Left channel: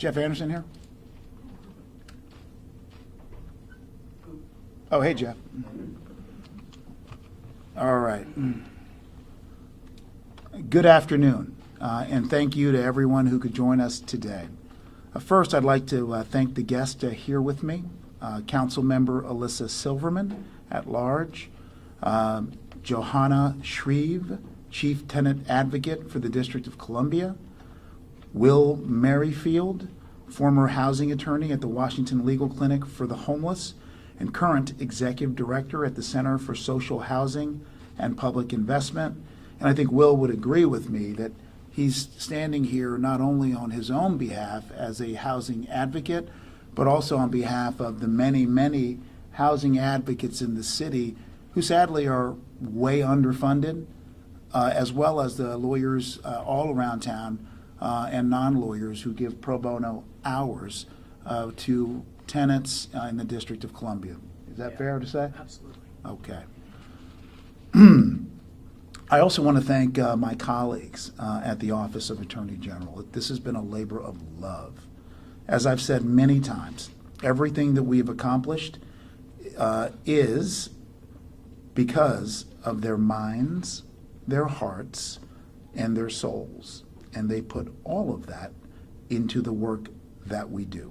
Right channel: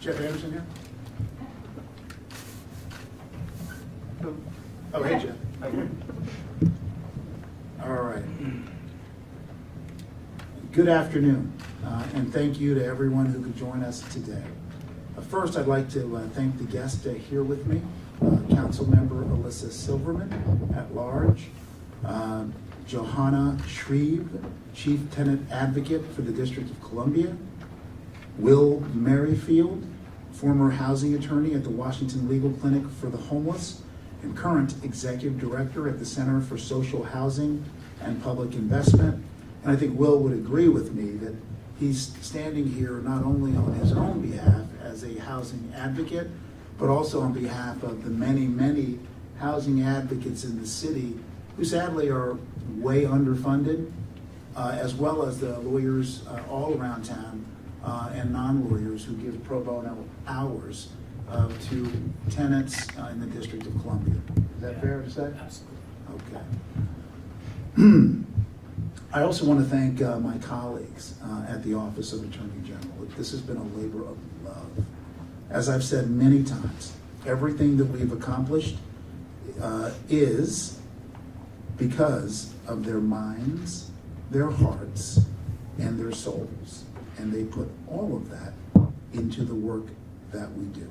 Jeff Anderson here? Oh, hey, Jeff. All right. Good afternoon, and thank you to everyone who could join us today. First, I'd like to thank the guests here with me, Council Member Alyssa Silverman at large, Johanna Shreve, Chief Tenant Advocate for the District of Columbia, Will Merrifield, former housing attorney at the Washington Legal Clinic for the Homeless and current Executive Director at the Center for Social Housing and Public Investment. And I think Will would agree with me that he's standing here not only on his own behalf as a housing advocate, but also on behalf of the many, many housing advocates in the city who sadly are way underfunded, as well as the lawyers all around town and non-lawyers who give pro bono hours to tenants in the District of Columbia. Is that fair to say? Absolutely. Okay. I also want to thank my colleagues at the Office of Attorney General. This has been a labor of love. As I've said many times, everything that we have accomplished is because of their minds, their hearts, and their souls. And they put all of that into the work that we do.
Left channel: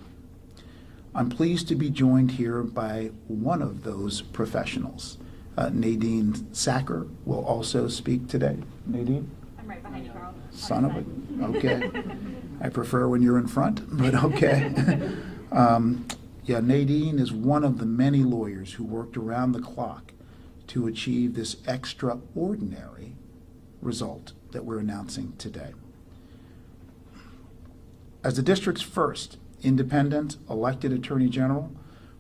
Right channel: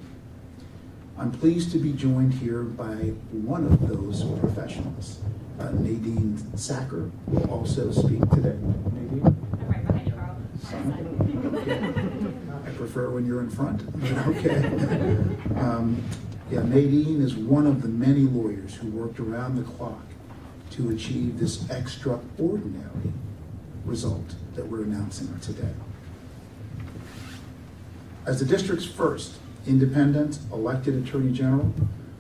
I'm pleased to be joined here by one of those professionals. Nadine Sacker will also speak today. Nadine? I'm right behind you, Carl. Son of it. Okay. I prefer when you're in front, but okay. Yeah, Nadine is one of the many lawyers who worked around the clock to achieve this extraordinary result that we're announcing today. As the district's first independent elected Attorney General,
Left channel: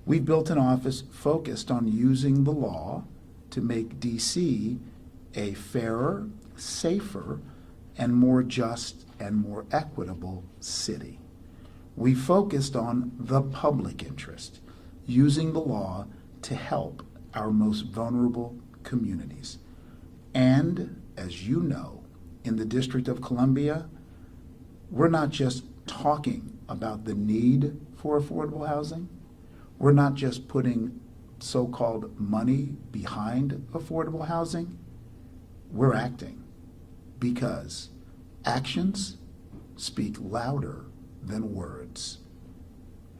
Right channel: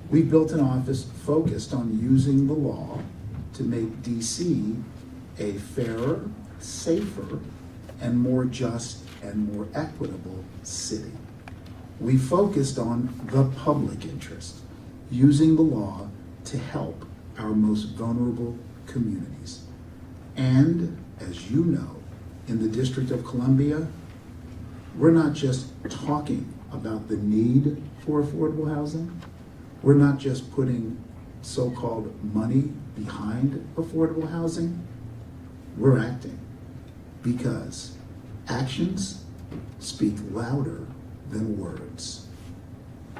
we built an office focused on using the law to make DC a fairer, safer, and more just and more equitable city. We focused on the public interest, using the law to help our most vulnerable communities. And as you know, in the District of Columbia, we're not just talking about the need for affordable housing. We're not just putting so-called money behind affordable housing. We're acting because actions speak louder than words.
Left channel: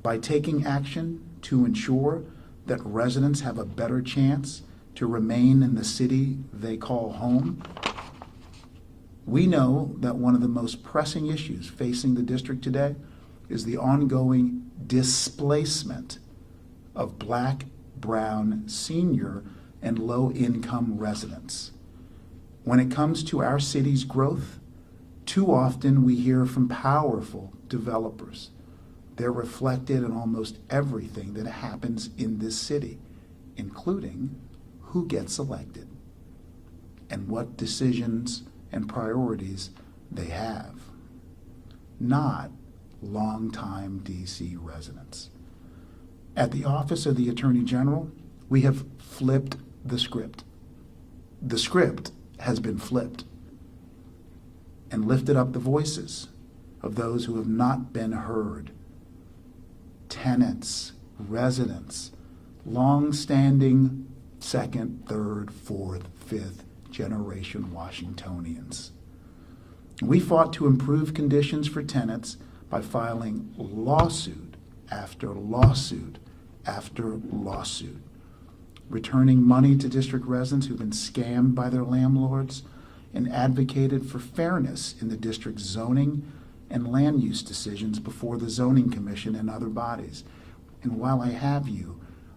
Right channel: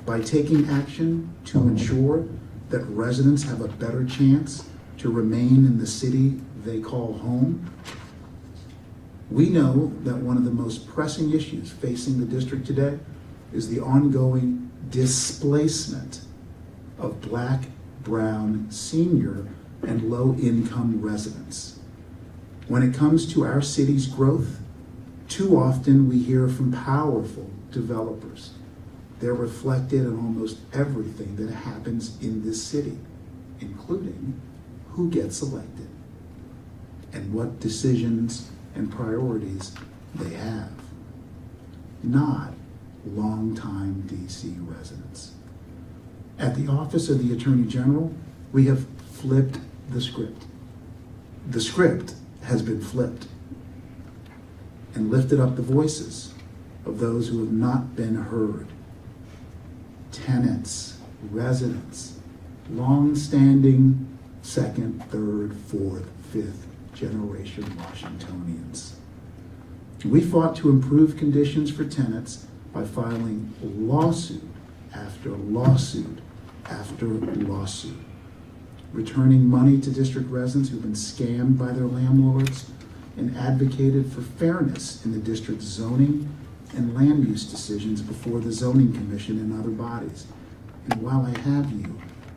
By taking action to ensure that residents have a better chance to remain in the city they call home, we know that one of the most pressing issues facing the district today is the ongoing displacement of Black, brown, senior, and low-income residents. When it comes to our city's growth, too often we hear from powerful developers. They're reflected in almost everything that happens in this city, including who gets elected and what decisions and priorities they have, not longtime DC residents. At the Office of the Attorney General, we have flipped the script. The script has been flipped and lifted up the voices of those who have not been heard. Tenants, residents, long-standing second, third, fourth, fifth generation Washingtonians. We fought to improve conditions for tenants by filing lawsuit after lawsuit after lawsuit, returning money to district residents who've been scammed by their landlords, and advocated for fairness in the district's zoning and land use decisions before the Zoning Commission and other bodies. And while I have you,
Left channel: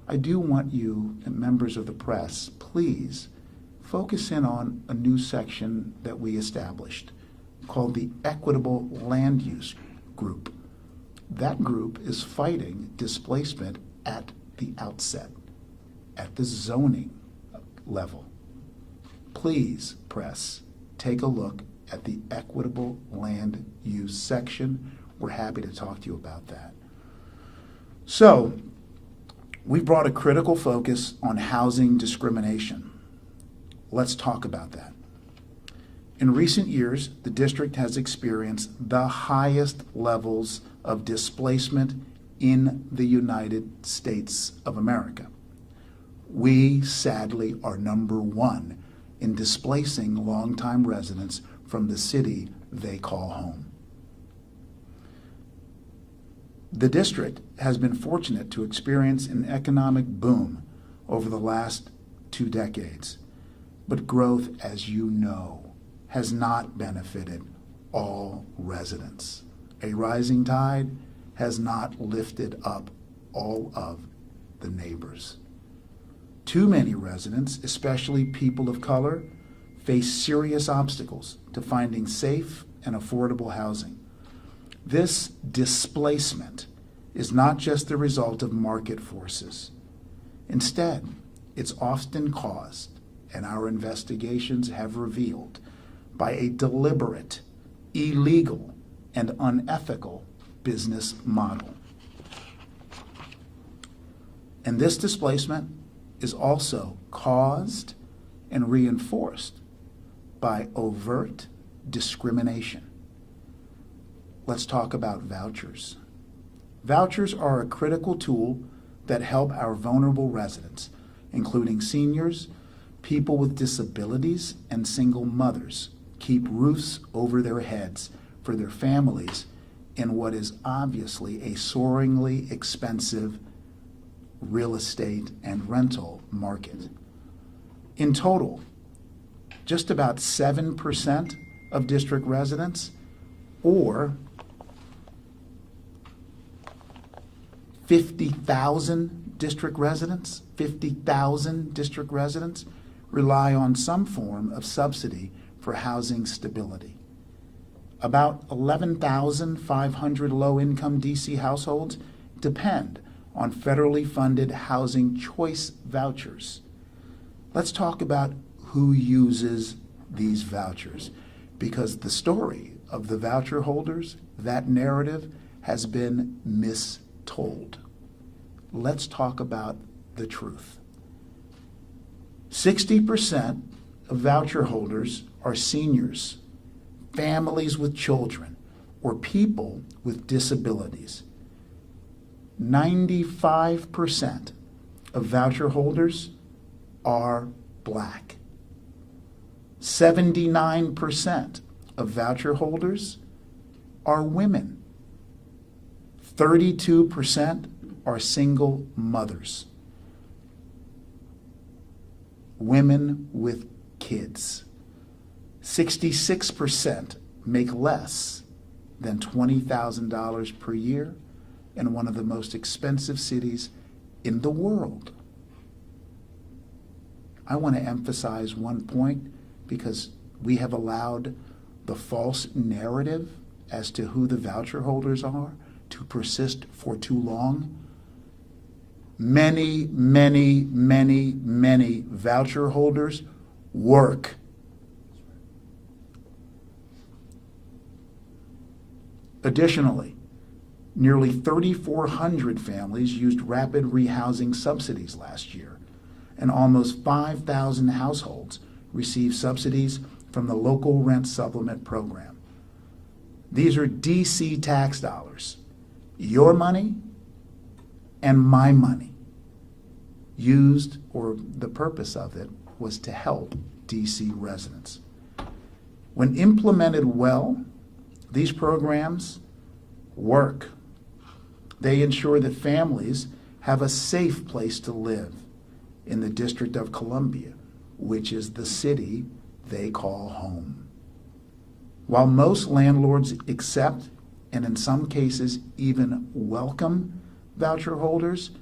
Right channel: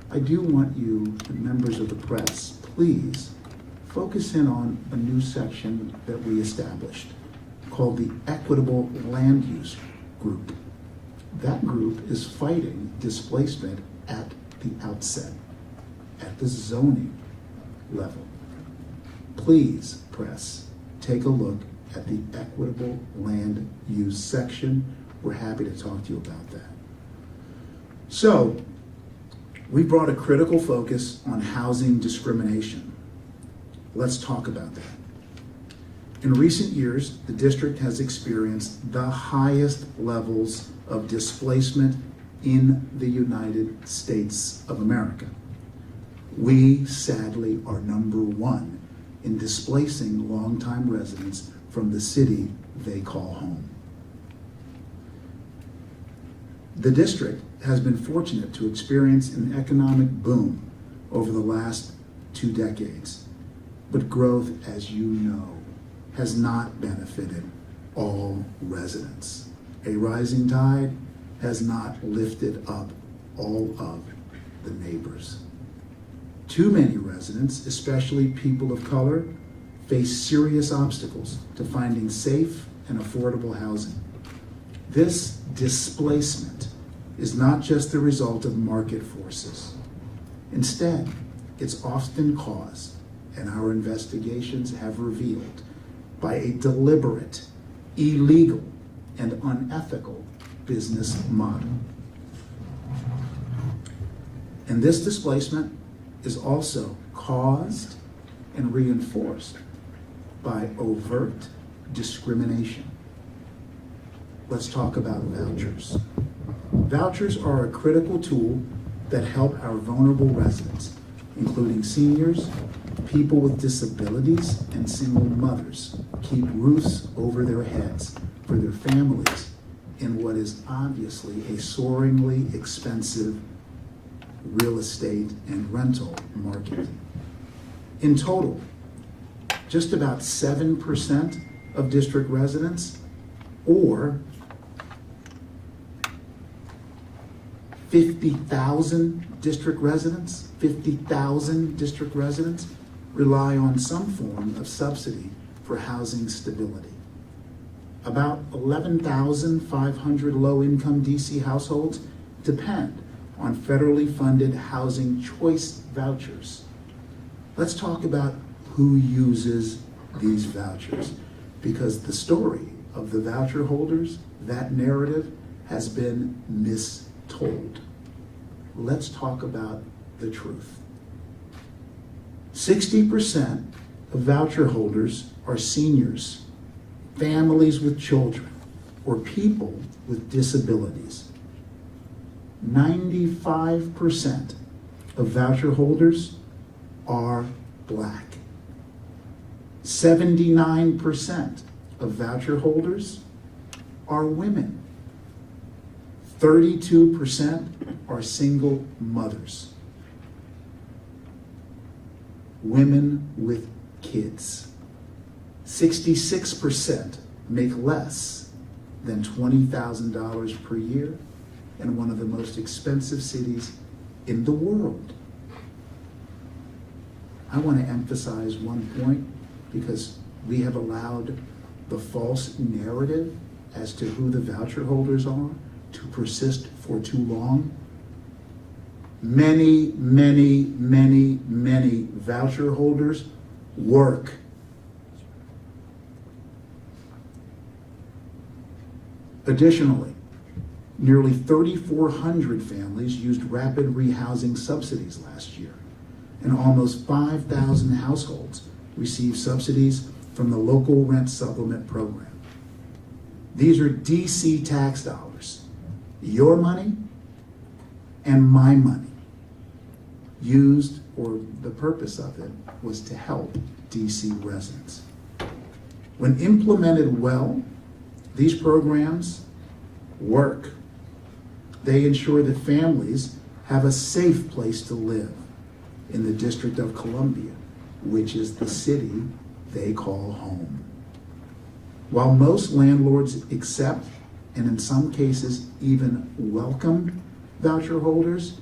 I do want you and members of the press, please focus in on a new section that we established called the Equitable Land Use Group. That group is fighting displacement at the outset, at the zoning level. Please, press, take a look at the Equitable Land Use section. We're happy to talk to you about that. So, we brought a critical focus on housing discrimination. Let's talk about that. In recent years, the district has experienced the highest levels of displacement in the United States of America. We sadly are number one in displacing longtime residents from the city they call home. The district has been fortunate to experience an economic boom over the last 2 decades, but growth, as you know, has not benefited all residents. A rising tide has not lifted up all of the neighbors. Too many residents, especially people of color, face serious obstacles to finding safe and affordable housing. This displacement is not just the result of market forces. Instead, it's often caused, and our investigations have revealed, by a deliberate, illegal, and unethical business model. And this displacement is also caused and reinforced by overt discrimination. Let's talk about vouchers. Vouchers are a critical tool that help our vulnerable residents, including seniors, people with disabilities, and single mothers, keep roofs over their heads for their families in what is obviously a soaringly expensive real estate and rental market. In total, just about 7% of district residents, or 50,000 district residents, rely on some form of subsidy for housing stability. About 11,500 low-income DC households depend on federally funded housing choice vouchers. Let's talk about who uses these vouchers, because the story of the voucher holders, that narrative, has been mistold. Let's talk about the truth. 60% of voucher holders are seniors, families with children, or people with disabilities. 95% of voucher holders are Black. 79% of voucher holders are women. 32% are single mothers. Women with kids. 66% make less than $20,000 per year in one of the most expensive cities in the world. I want to emphasize one point, because we have allowed the false narrative as to who the voucher holders are to persist for too long. Many voucher holders work. Additionally, nearly 3,400 families used rapid rehousing subsidies last year, and almost 5,000 households received subsidies from the local rent supplement program. These are DC tax dollars, your money and my money, used, or the purpose of it was to help DC residents. When implemented well, these programs work. They ensure that families have a safe place to live in the District of Columbia, which is the city they call home. While most landlords accept, and in some cases even welcome, voucher holders,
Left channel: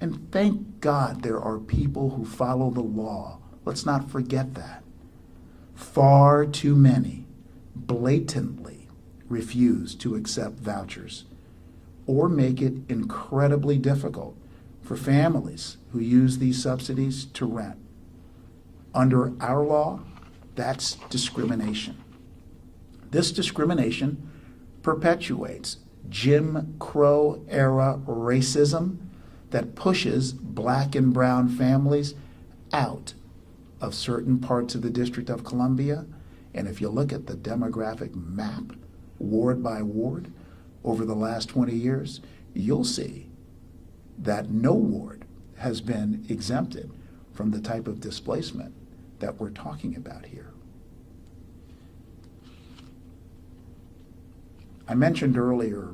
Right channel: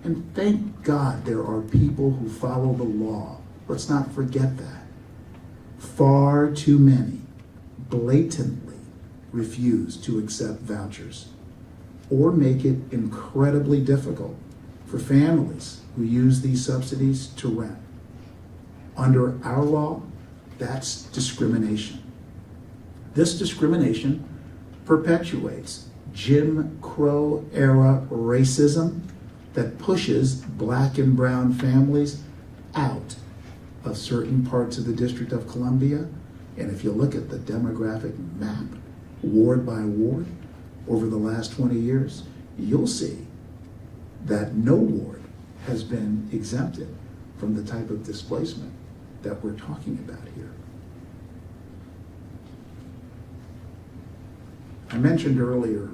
and thank God there are people who follow the law, let's not forget that, far too many blatantly refuse to accept vouchers or make it incredibly difficult for families who use these subsidies to rent. Under our law, that's discrimination. This discrimination perpetuates Jim Crow era racism that pushes Black and brown families out of certain parts of the District of Columbia. And if you look at the demographic map, ward by ward, over the last 20 years, you'll see that no ward has been exempted from the type of displacement that we're talking about here. I mentioned earlier,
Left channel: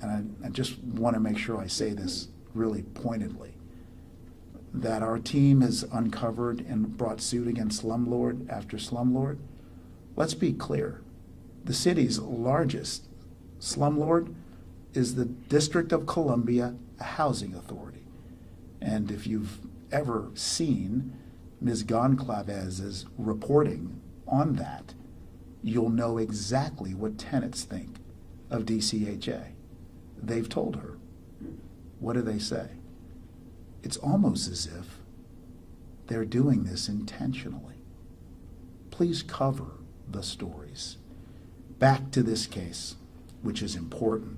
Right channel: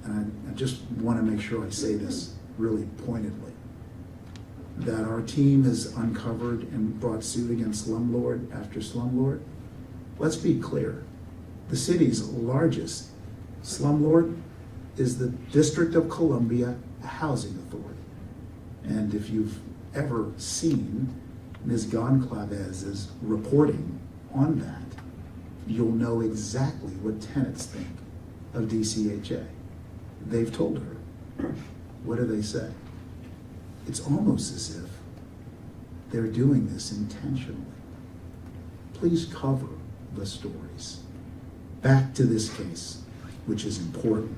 and I just want to make sure I say this really pointedly, that our team has uncovered and brought suit against slumlord after slumlord. Let's be clear. The city's largest slumlord is the District of Columbia Housing Authority. And if you've ever seen Ms. Goncalves' reporting on that, you'll know exactly what tenants think of DCHA. They've told her. What do they say? It's almost as if they're doing this intentionally. Please cover the stories. Back to this case, which is important.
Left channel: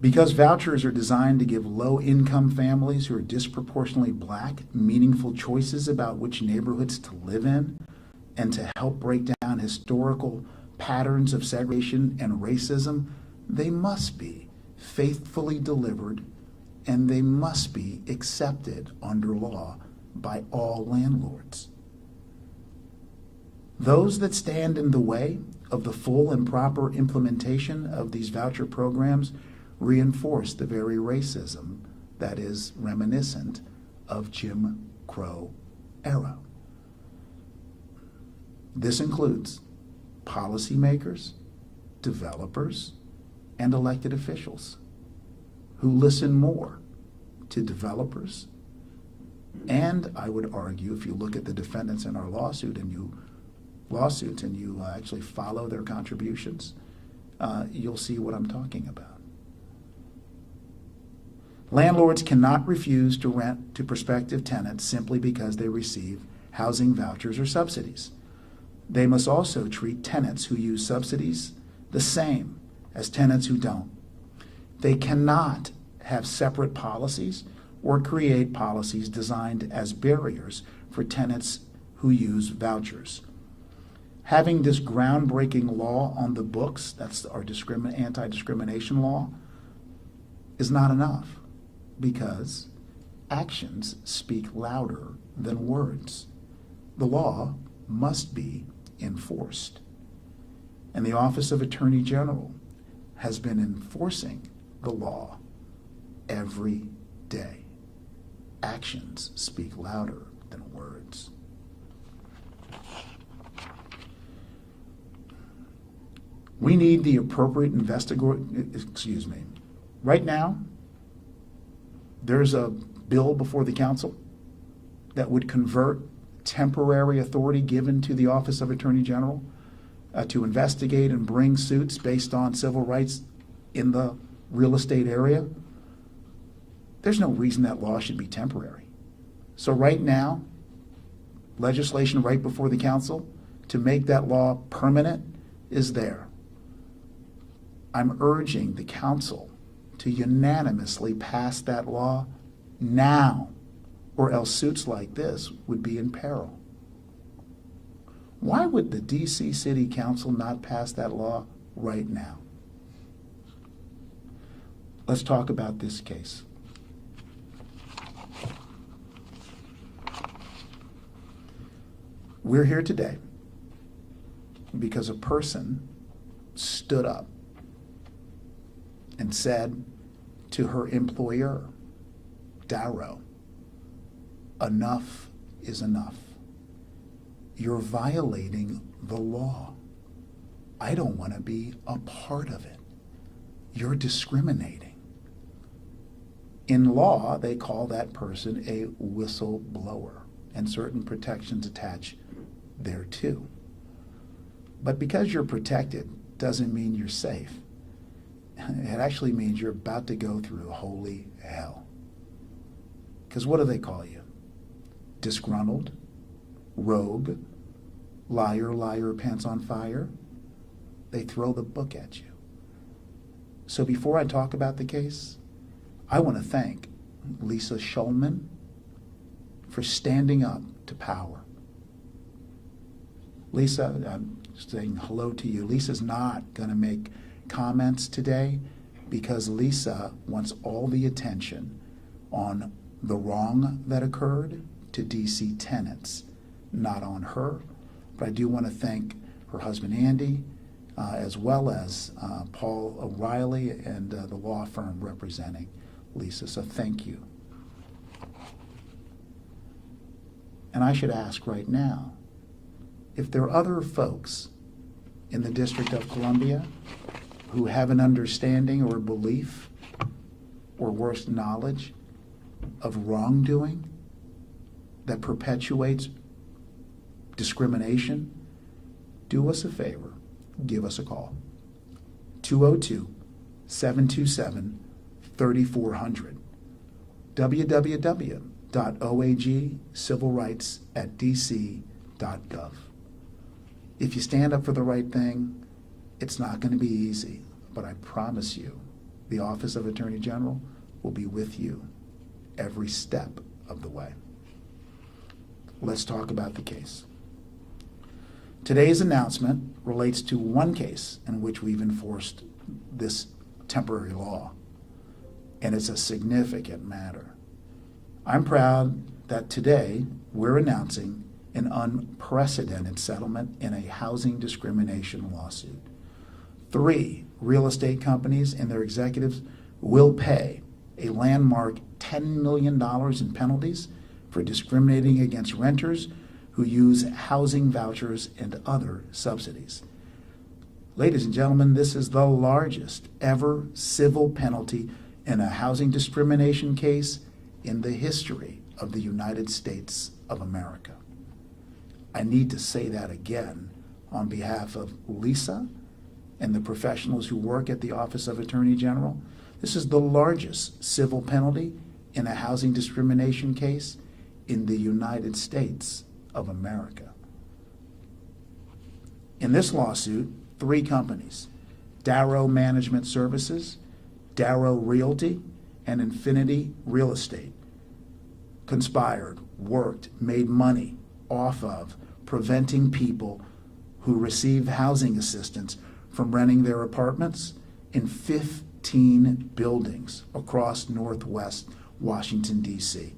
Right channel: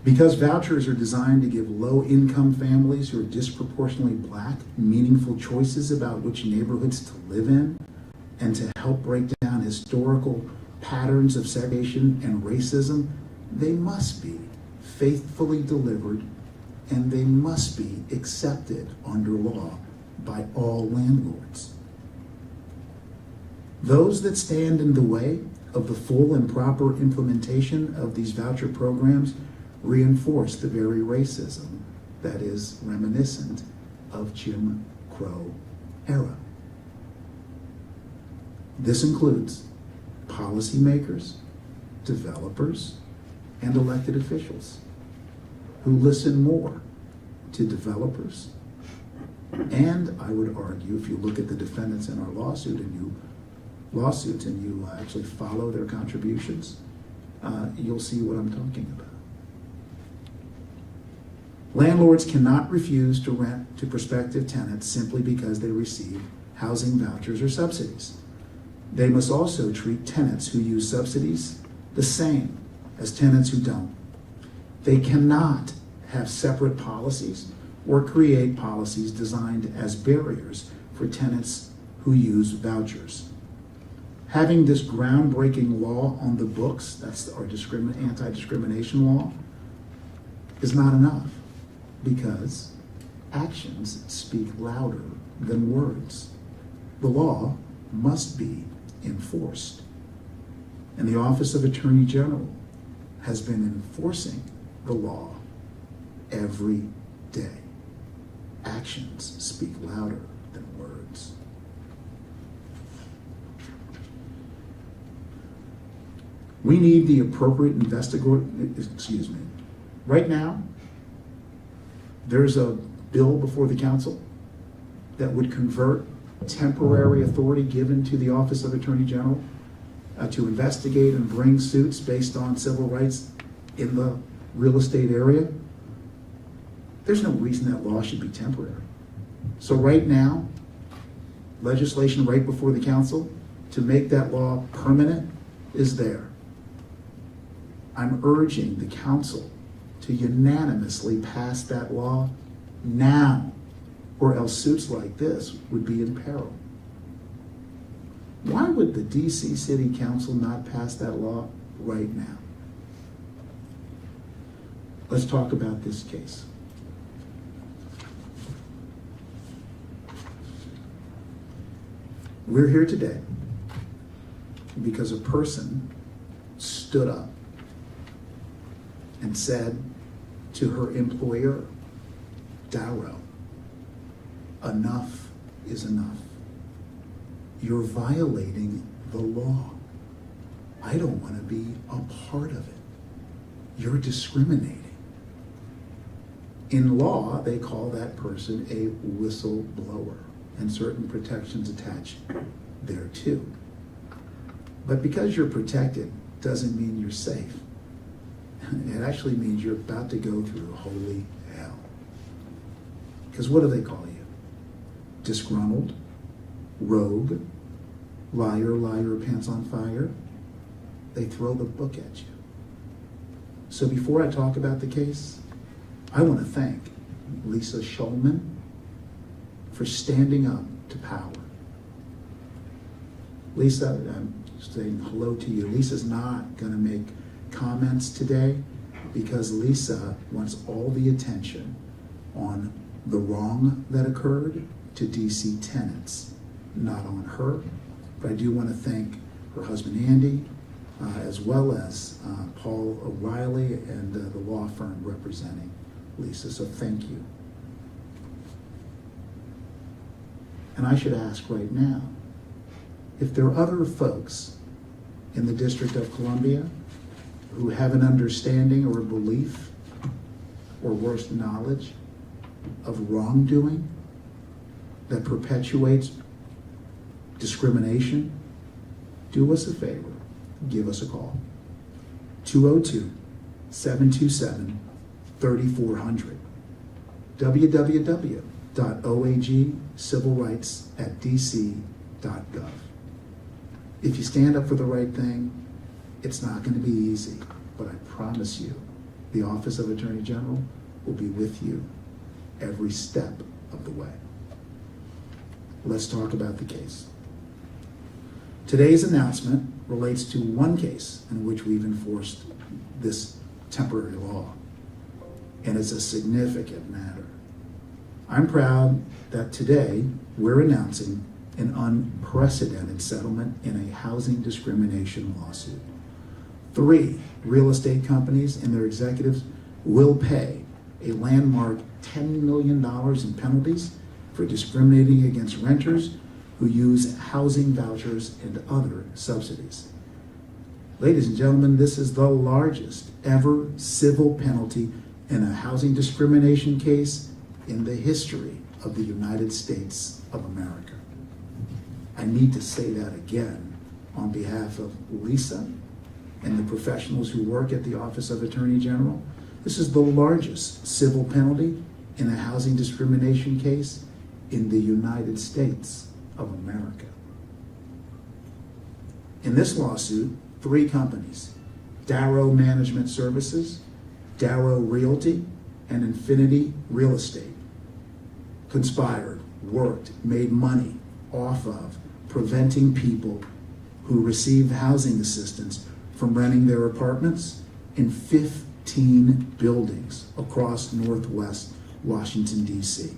Because vouchers are designed to give low-income families who are disproportionately Black meaningful choices about which neighborhoods to live in, and to help break down historical patterns of segregation and racism, they must be faithfully delivered, and they must be accepted under law by all landlords. Those that stand in the way of the full and proper implementation of these voucher programs reinforce the very racism that is reminiscent of Jim Crow era. This includes policymakers, developers, and elected officials who listen more to developers. And I would argue, if you look at the defendants in our lawsuit and you actually follow their contributions, you'll see what I'm talking about. Landlords cannot refuse to rent to prospective tenants simply because they receive housing vouchers or subsidies. They must also treat tenants who use subsidies the same as tenants who don't. They cannot have separate policies or create policies designed as barriers for tenants who use vouchers. Having this groundbreaking law on the books, that's our anti-discrimination law, is not enough, because actions speak louder than words. The law must be enforced. And the Office of Attorney General has been enforcing the law every day. Actions speak louder than words. We need the appropriate Right now, there's a bill before the council that would convert temporary authority given to the Office of Attorney General to investigate and bring suits based on civil rights in the real estate area. There's no reason that law should be temporary. So right now, legislation right before the council to make that law permanent is there. I'm urging the council to unanimously pass that law now, or else suits like this would be in peril. Why would the DC City Council not pass that law right now? Let's talk about this case. We're here today because a person stood up and said to her employer, Darrow, enough is enough. You're violating the law. I don't want to be a part of it. You're discriminating. In law, they call that person a whistleblower, and certain protections attached thereto. But because you're protected doesn't mean you're safe. It actually means you're about to go through holy hell. Because what do they call you? Disgruntled, rogue, liar, liar, pants on fire. They throw the book at you. So before I talk about the case, I want to thank Lisa Shulman for standing up to power Lisa, I'm saying hello to you. Lisa's not going to make comments today because Lisa wants all the attention on the wrong that occurred to DC tenants, not on her. But I do want to thank her husband Andy, as well as Paul O'Reilly and the law firm representing Lisa, so thank you. And I should ask right now, if there are other folks in the District of Columbia who have an understanding or belief or worse, knowledge of wrongdoing that perpetuates discrimination, do us a favor, give us a call. 202-727-3400. www.oagcivilrights@dc.gov. If you stand up for the right thing, it's not going to be easy, but I promise you, the Office of Attorney General will be with you every step of the way. Let's talk about the case. Today's announcement relates to one case in which we've enforced this temporary law, and it's a significant matter. I'm proud that today we're announcing an unprecedented settlement in a housing discrimination lawsuit. 3 real estate companies and their executives will pay a landmark $10 million in penalties for discriminating against renters who use housing vouchers and other subsidies. Ladies and gentlemen, this is the largest ever civil penalty in a housing discrimination case in the history of the United States of America. I need to say that again on behalf of Lisa and the professionals who work at the Office of Attorney General. This is the largest civil penalty in a housing discrimination case in the United States of America. In this lawsuit, 3 companies, Darrow Management Services, Darrow Realty, and Infinity Real Estate, conspired, worked, made money off of preventing people who receive housing assistance from renting their apartments in 15 buildings across Northwest Washington, D.C.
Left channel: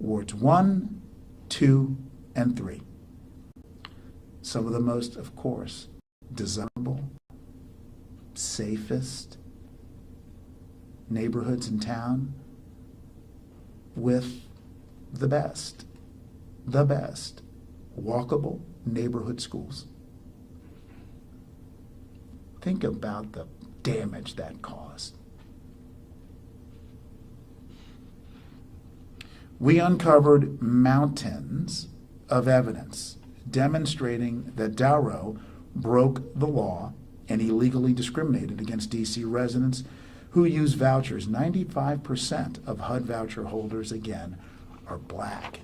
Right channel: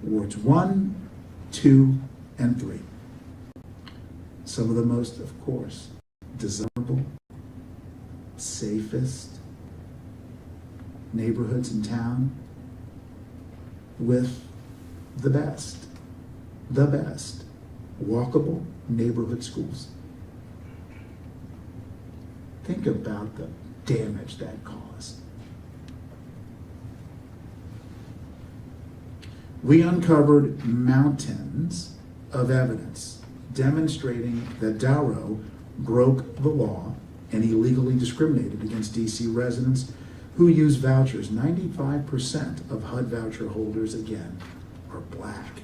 Wards 1, 2, and 3. Some of the most, of course, desirable, safest neighborhoods in town with the best walkable neighborhood schools. Think about the damage that caused. We uncovered mountains of evidence demonstrating that Darrow broke the law and illegally discriminated against DC residents who use vouchers. 95% of HUD voucher holders, again, are black.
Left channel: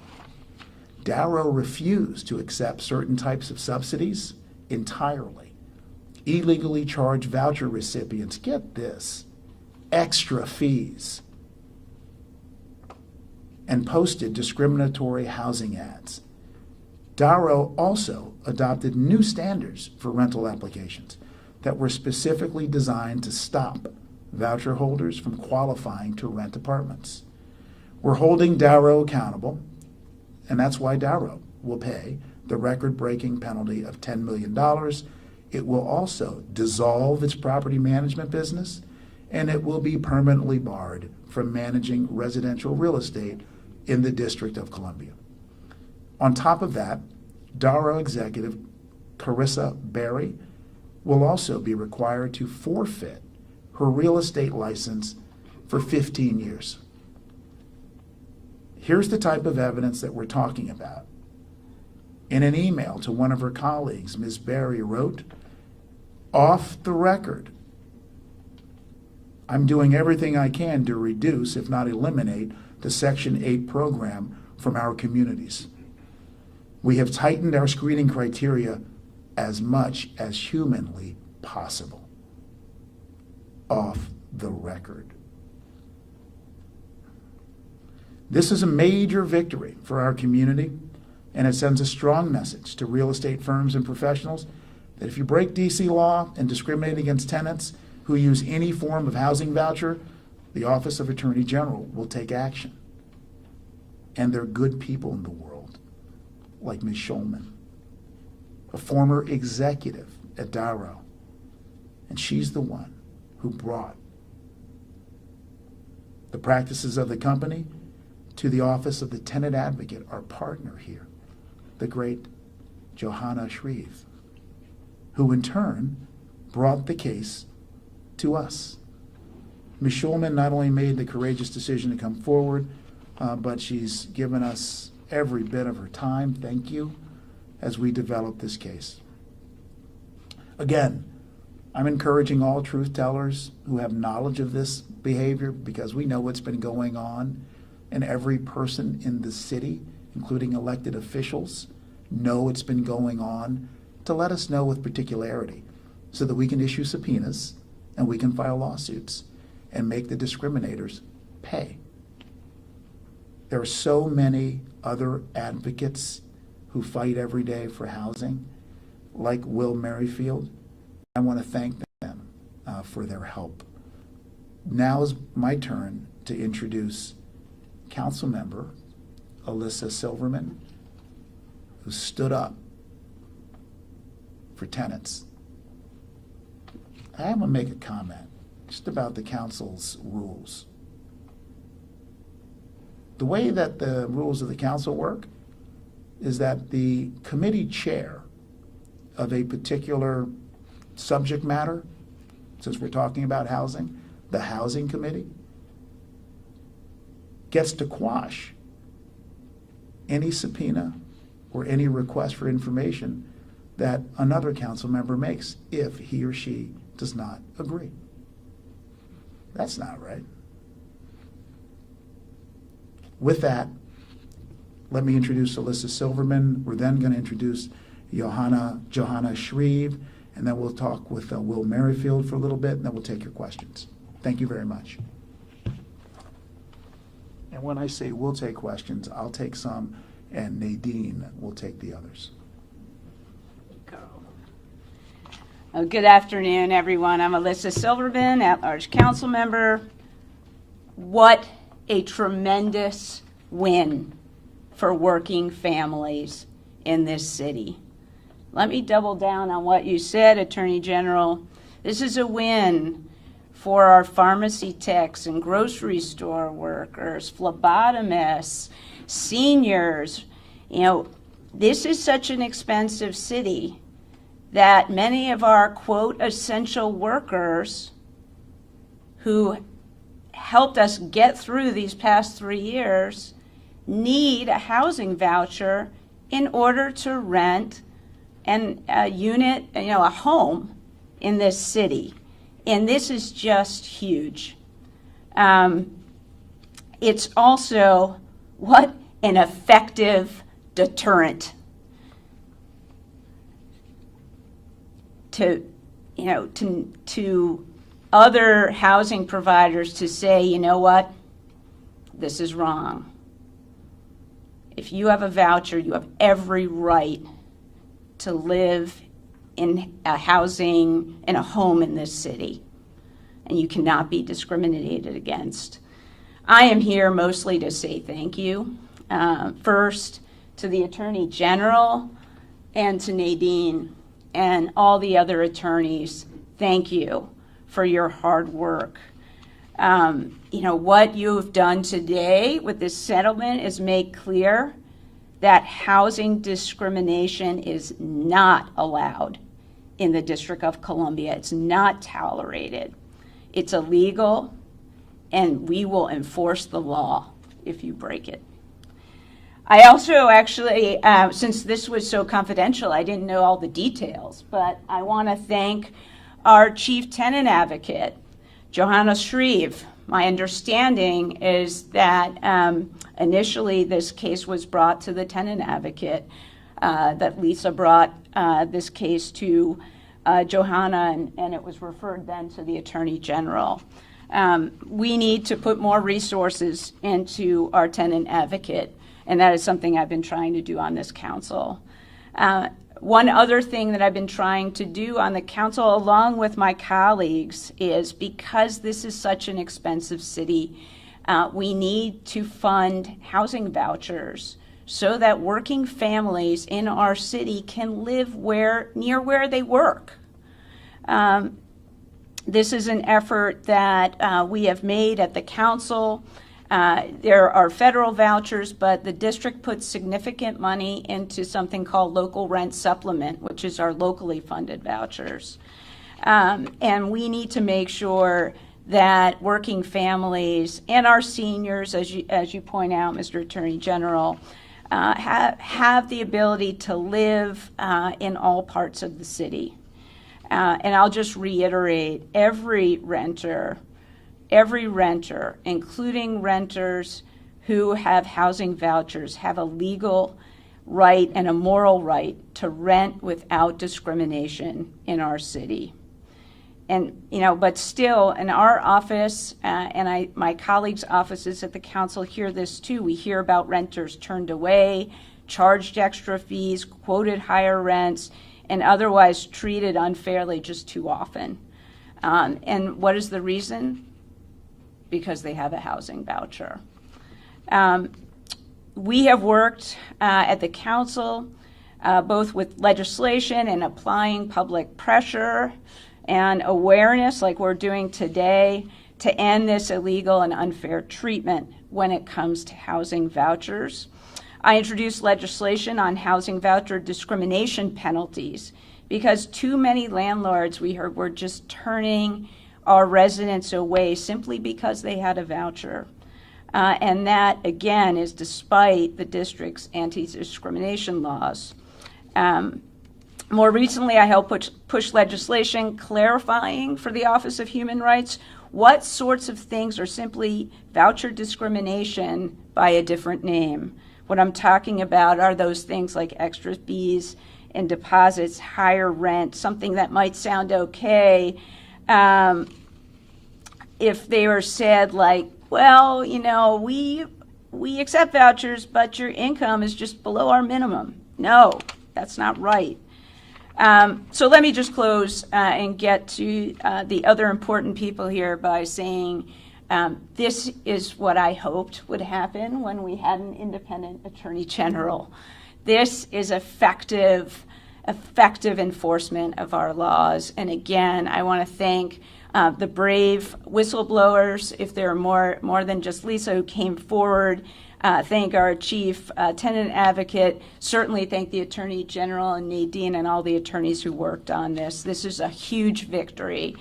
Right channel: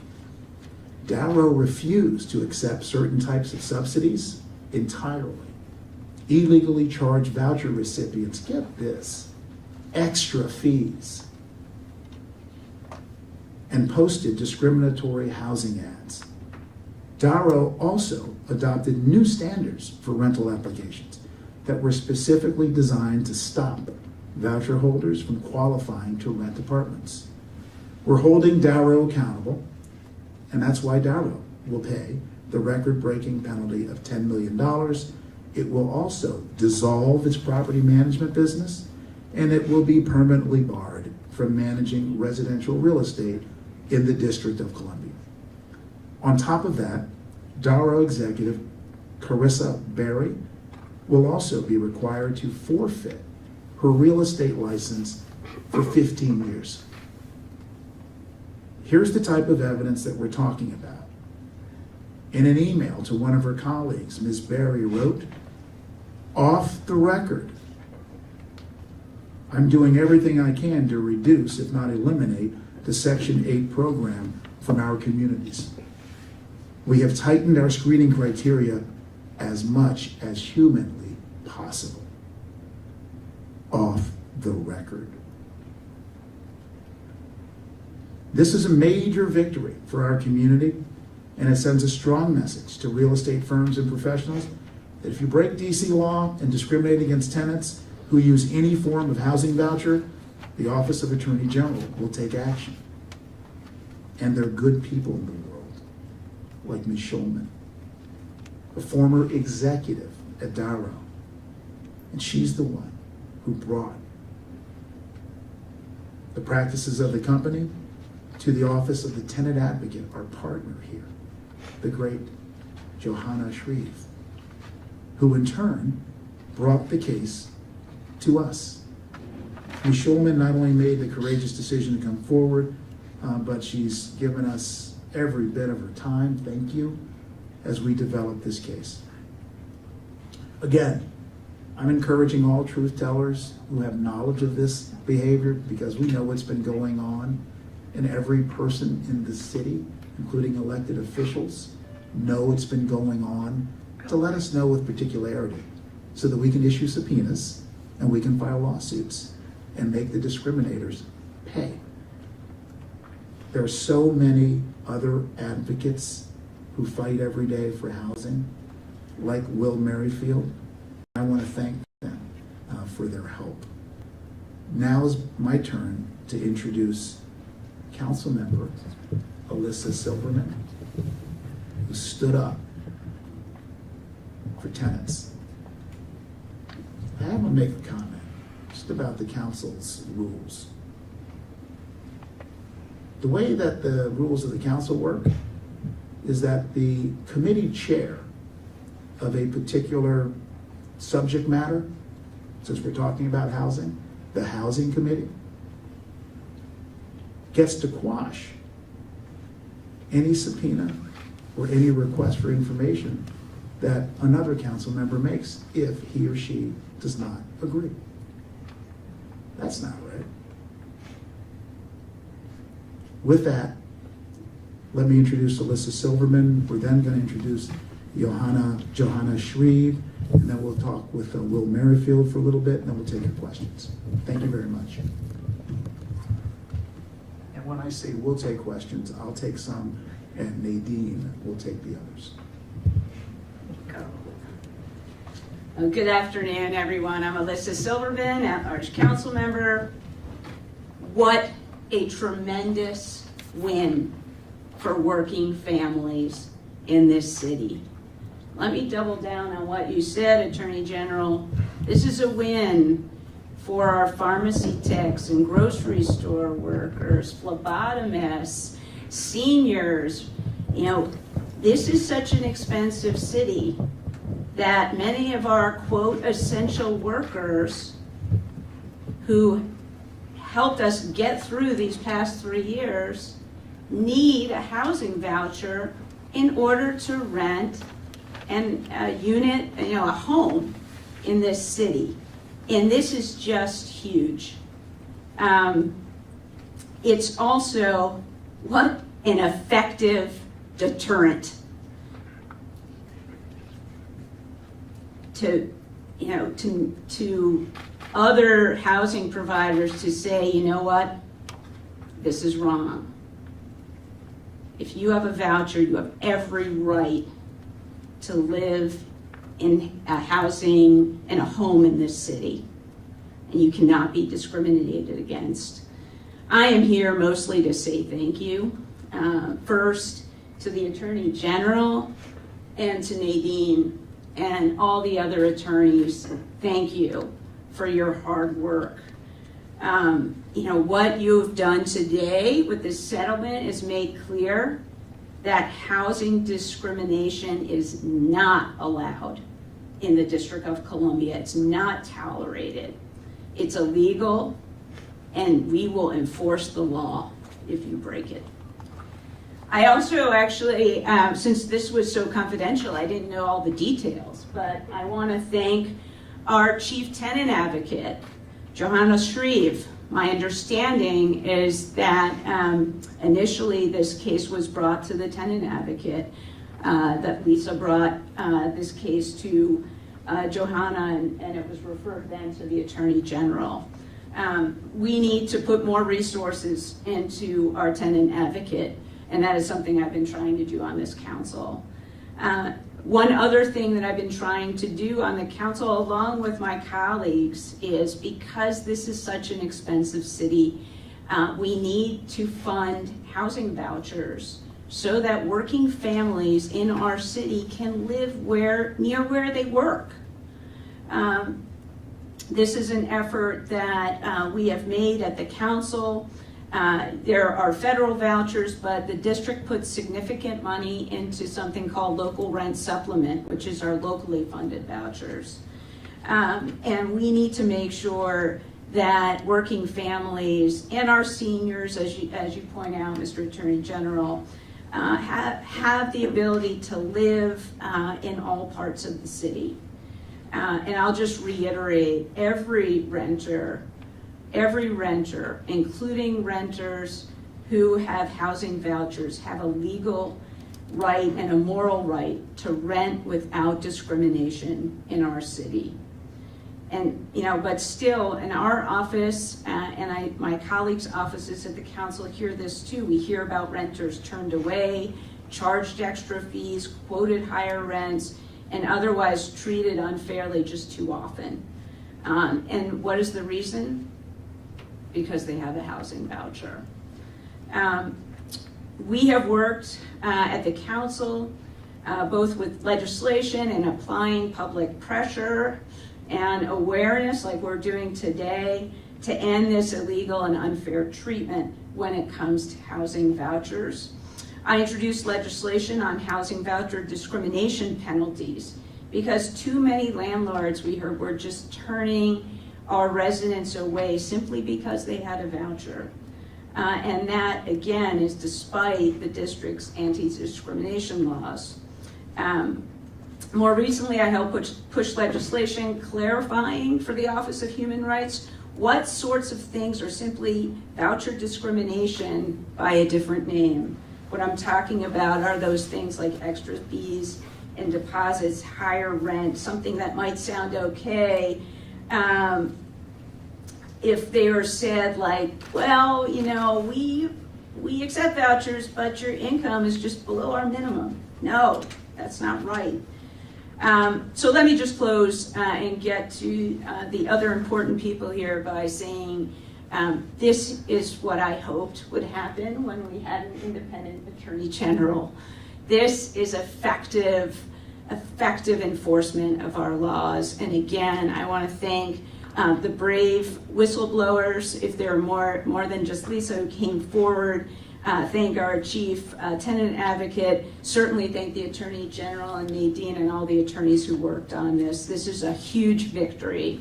Darrow refused to accept certain types of subsidies entirely. Illegally charged voucher recipients, get this, extra fees, and posted discriminatory housing ads. Darrow also adopted new standards for rental applications that were specifically designed to stop voucher holders from qualifying to rent apartments. We're holding Darrow accountable, and that's why Darrow will pay the record-breaking penalty of $10 million. It will also dissolve its property management business, and it will be permanently barred from managing residential real estate in the District of Columbia. On top of that, Darrow executive Carissa Berry will also be required to forfeit her real estate license for 15 years. Here's the type of evidence that we're talking about. In an email to one of her colleagues, Ms. Berry wrote, "Off the record, I'm doing everything I can to reduce, if not eliminate, the Section 8 program from our communities. We have tightened our screening criteria as much as humanly possible." Off the record. This is a major victory for our community And it sends a strong message to real estate firms and professionals that if you break DC law and discriminate against tenants who use any form of housing voucher, the Office of Attorney General will take action. And there are good people in the world, like Ms. Schulman, a former executive at Darrow. And she's the one who brought the practices of the company to the Office of the Tenant Advocate, our partner here, the great Johanna Shreve, who in turn brought the case to us. Ms. Schulman not only made the courageous decision to come forward, but she's given us every bit of her time, thank you, as we develop this case. Again, I'm encouraging all truth tellers who have knowledge of this behavior, because we know what's been going on, and every person in the city, including elected officials, know it's been going on, to let us know with particularity so that we can issue subpoenas and we can file lawsuits and make the discriminators pay. There are so many other advocates who fight every day for housing, like Will Merrifield. I want to thank them for their help. Now is my turn to introduce Councilmember Alyssa Silverman, who stood up for tenants. I want to make a comment just about the council's rules. The way that the rules of the council work is that the committee chair of a particular subject matter, since we're talking about housing, the housing committee, gets to quash any subpoena or any request for information that another council member makes if he or she does not agree. That's not right. With that, let me introduce Alyssa Silverman. We're then going to introduce Johanna Shreve, and then we'll talk with Will Merrifield for a little bit, and then we'll take your questions. Thank you very much. And when I say we'll take questions, I'll take some, and Nadine will take the others. Good afternoon, everyone. I'm Alyssa Silverman, at-large council member. What a tremendous win for working families in this city. Let me double down on what you said, Attorney General. This is a win for our pharmacy techs and grocery store workers, phlebotomists, seniors. You know, this is such an expensive city that many of our, quote, essential workers who helped us get through these past 3 years need a housing voucher in order to rent a unit, a home in this city. And this is just huge. It's also, what an effective deterrent to other housing providers to say, you know what, this is wrong. If you have a voucher, you have every right to live in a housing, in a home in this city, and you cannot be discriminated against. I am here mostly to say thank you. First, to the Attorney General and to Nadine and all the other attorneys, thank you for your hard work. What you've done today with this settlement is make clear that housing discrimination is not allowed in the District of Columbia. It's not tolerated. It's illegal, and we will enforce the law if you break it. I also actually, since this was so confidential, I didn't know all the details, but I want to thank our chief tenant advocate, Johanna Shreve. My understanding is that initially this case was brought to the tenant advocate, that Lisa brought this case to Johanna, and it was referred then to the Attorney General. We need to put more resources into our tenant advocate. And that is something I've been trying to do on this council. One other thing that I've been trying to do on the council, along with my colleagues, is because this is such an expensive city, we need to fund housing vouchers so that working families in our city can live near where they work. This is an effort that we have made at the council. There are federal vouchers, but the district puts significant money into something called local rent supplement, which is our locally funded vouchers. And we need to make sure that working families and our seniors, as you point out, Mr. Attorney General, have the ability to live in all parts of the city. And I'll just reiterate, every renter, including renters who have housing vouchers, have a legal right and a moral right to rent without discrimination in our city. And, but still, in our office, and my colleagues' offices at the council hear this too. We hear about renters turned away, charged extra fees, quoted higher rents, and otherwise treated unfairly just too often. And what is the reason? Because they have a housing voucher. We have worked at the council both with legislation and applying public pressure and awareness like we're doing today to end this illegal and unfair treatment when it comes to housing vouchers. I introduced legislation on housing voucher discrimination penalties because too many landlords, we heard, were just turning our residents away simply because they had a voucher. And that, again, is despite the district's anti-discrimination laws. More recently, I helped push legislation clarifying for the Office of Human Rights what sorts of things are simply voucher discrimination by a different name. What I'm talking about are those things like extra fees and deposits, higher rent, something that might sound okay if they were said like, well, we accept vouchers, but your income is just below our minimum. No, that's not right. So let me just close and get to the other important people here by saying this is what I hoped would happen when we had an independent attorney general. This is effective enforcement of our laws. And again, I want to thank the brave whistleblowers, if there are more than just Lisa, who came forward. Thank our chief tenant advocate. Certainly thank the Attorney General and Nadine and all the attorneys who worked on this. This is a huge victory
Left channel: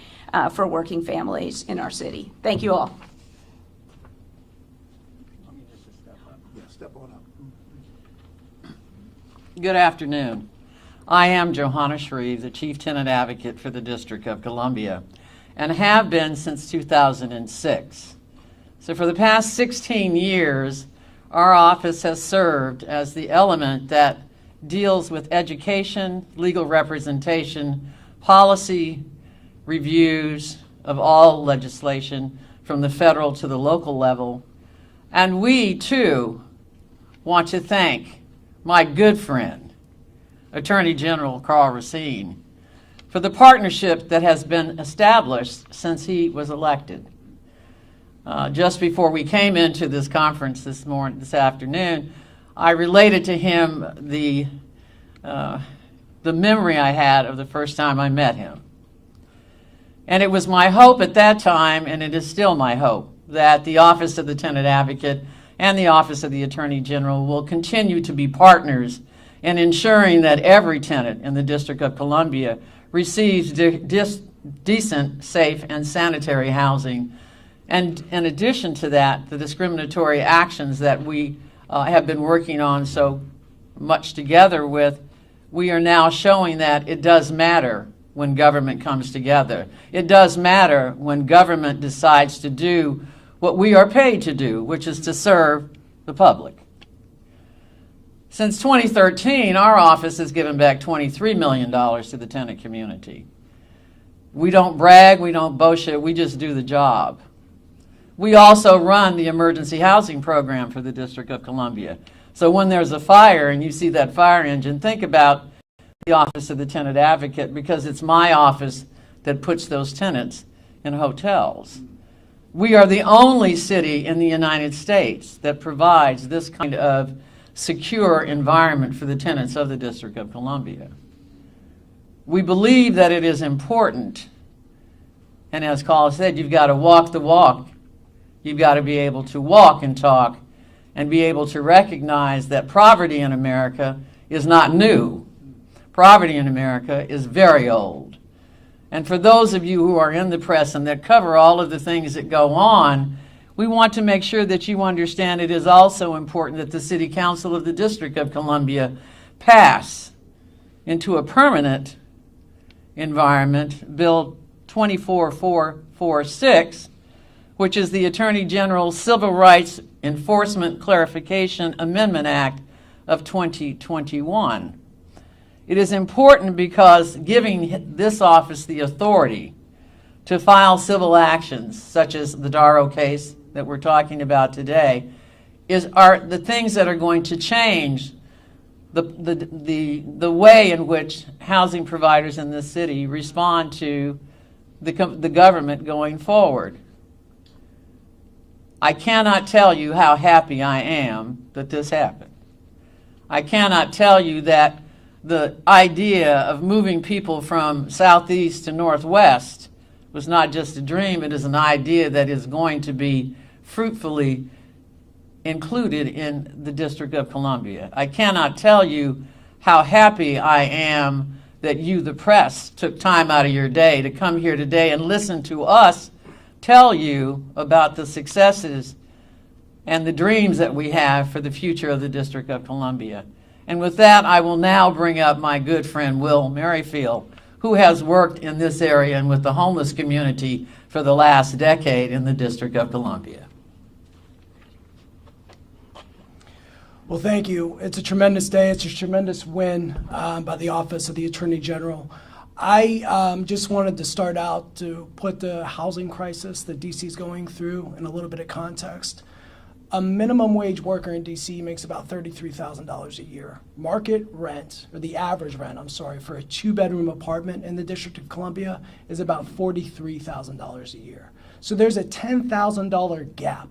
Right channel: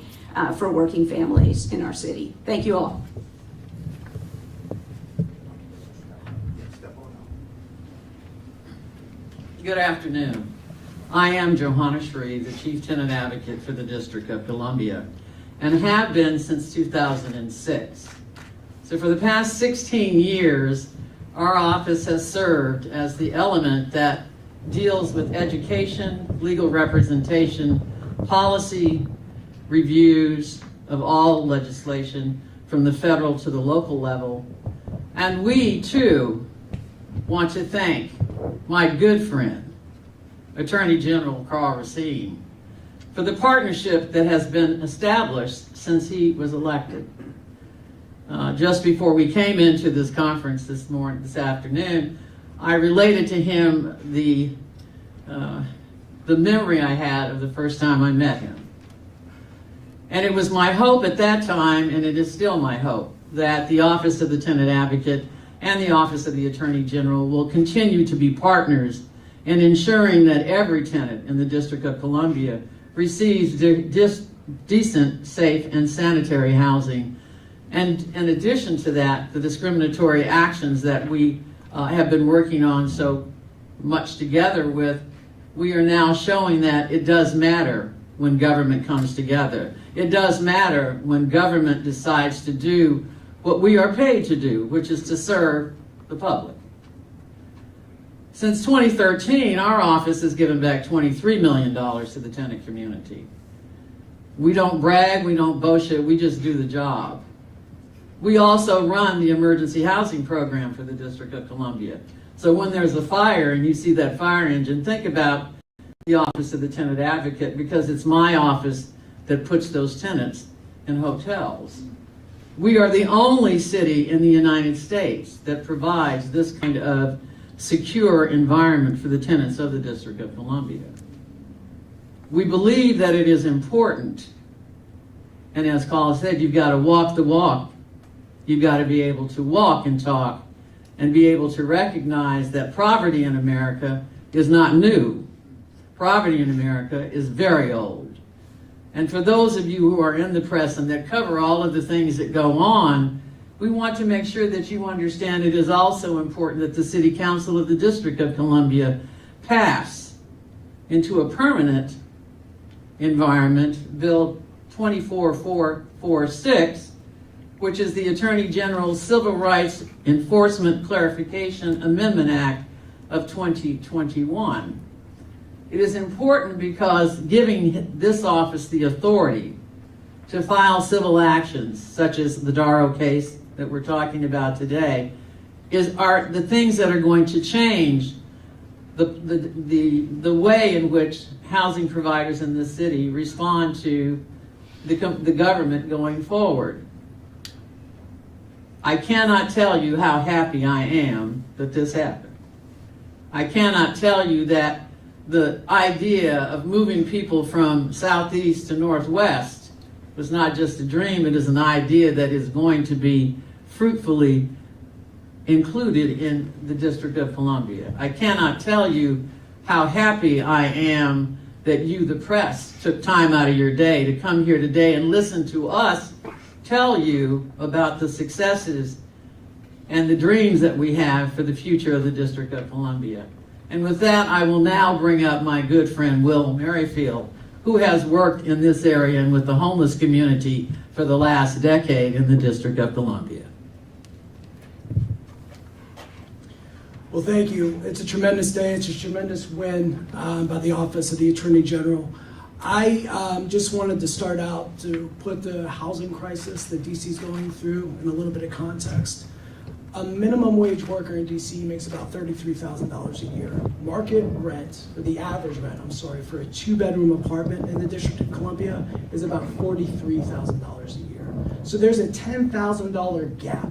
for working families in our city. Thank you all. Good afternoon. I am Johanna Shreve, the Chief Tenant Advocate for the District of Columbia, and have been since 2006. So for the past 16 years, our office has served as the element that deals with education, legal representation, policy reviews of all legislation from the federal to the local level. And we, too, want to thank my good friend, Attorney General Karl Racine, for the partnership that has been established since he was elected. Just before we came into this conference this afternoon, I related to him the memory I had of the first time I met him. And it was my hope at that time, and it is still my hope, that the Office of the Tenant Advocate and the Office of the Attorney General will continue to be partners in ensuring that every tenant in the District of Columbia receives decent, safe, and sanitary housing. And in addition to that, the discriminatory actions that we have been working on so much together with, we are now showing that it does matter when government comes together. It does matter when government decides to do what we are paid to do, which is to serve the public. Since 2013, our office has given back $23 million to the tenant community. We don't brag, we don't boast it, we just do the job. We also run the emergency housing program for the District of Columbia. So when there's a fire and you see that fire engine, think about the office of the tenant advocate, because it's my office that puts those tenants in hotels. We are the only city in the United States that provides this kind of secure environment for the tenants of the District of Columbia. We believe that it is important, and as Carl said, you've got to walk the walk. You've got to be able to walk and talk and be able to recognize that poverty in America is not new. Poverty in America is very old. And for those of you who are in the press and that cover all of the things that go on, we want to make sure that you understand it is also important that the City Council of the District of Columbia pass into a permanent environment Bill 24446, which is the Attorney General's Civil Rights Enforcement Clarification Amendment Act of 2021. It is important because giving this office the authority to file civil actions, such as the Darrow case that we're talking about today, are the things that are going to change the way in which housing providers in this city respond to the government going forward. I cannot tell you how happy I am that this happened. I cannot tell you that the idea of moving people from southeast to northwest was not just a dream, it is an idea that is going to be fruitfully included in the District of Columbia. I cannot tell you how happy I am that you, the press, took time out of your day to come here today and listen to us tell you about the successes and the dreams that we have for the future of the District of Columbia. And with that, I will now bring up my good friend Will Merrifield, who has worked in this area and with the homeless community for the last decade in the District of Columbia. Well, thank you. It's a tremendous day. It's a tremendous win by the Office of the Attorney General. I just wanted to start out to put the housing crisis that DC is going through in a little bit of context. A minimum wage worker in DC makes about $33,000 a year. Market rent, or the average rent, for a 2-bedroom apartment in the District of Columbia is about $43,000 a year. So there's a $10,000 gap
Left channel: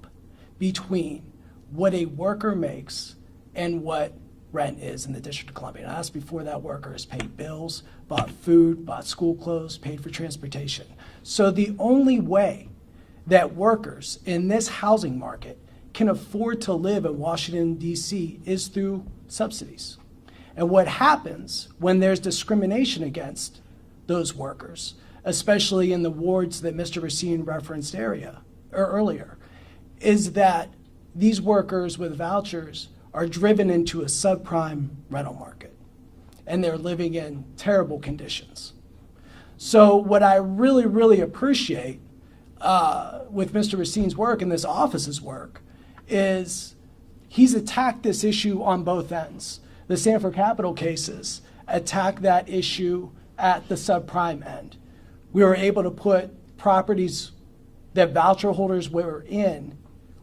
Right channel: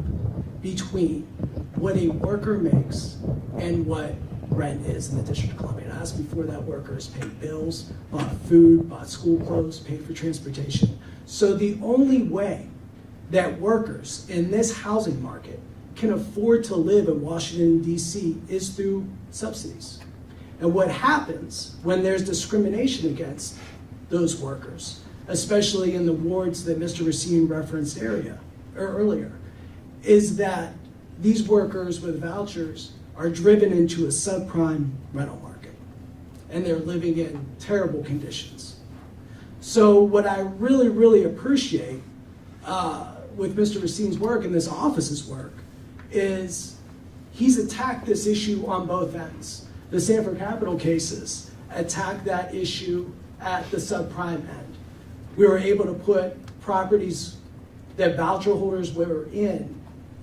between what a worker makes and what rent is in the District of Columbia. And I asked before, that worker has paid bills, bought food, bought school clothes, paid for transportation. So the only way that workers in this housing market can afford to live in Washington, D.C. is through subsidies. And what happens when there's discrimination against those workers, especially in the wards that Mr. Racine referenced earlier, is that these workers with vouchers are driven into a subprime rental market, and they're living in terrible conditions. So what I really, really appreciate with Mr. Racine's work and this office's work is he's attacked this issue on both ends. The Sanford Capital cases attacked that issue at the subprime end. We were able to put properties that voucher holders were in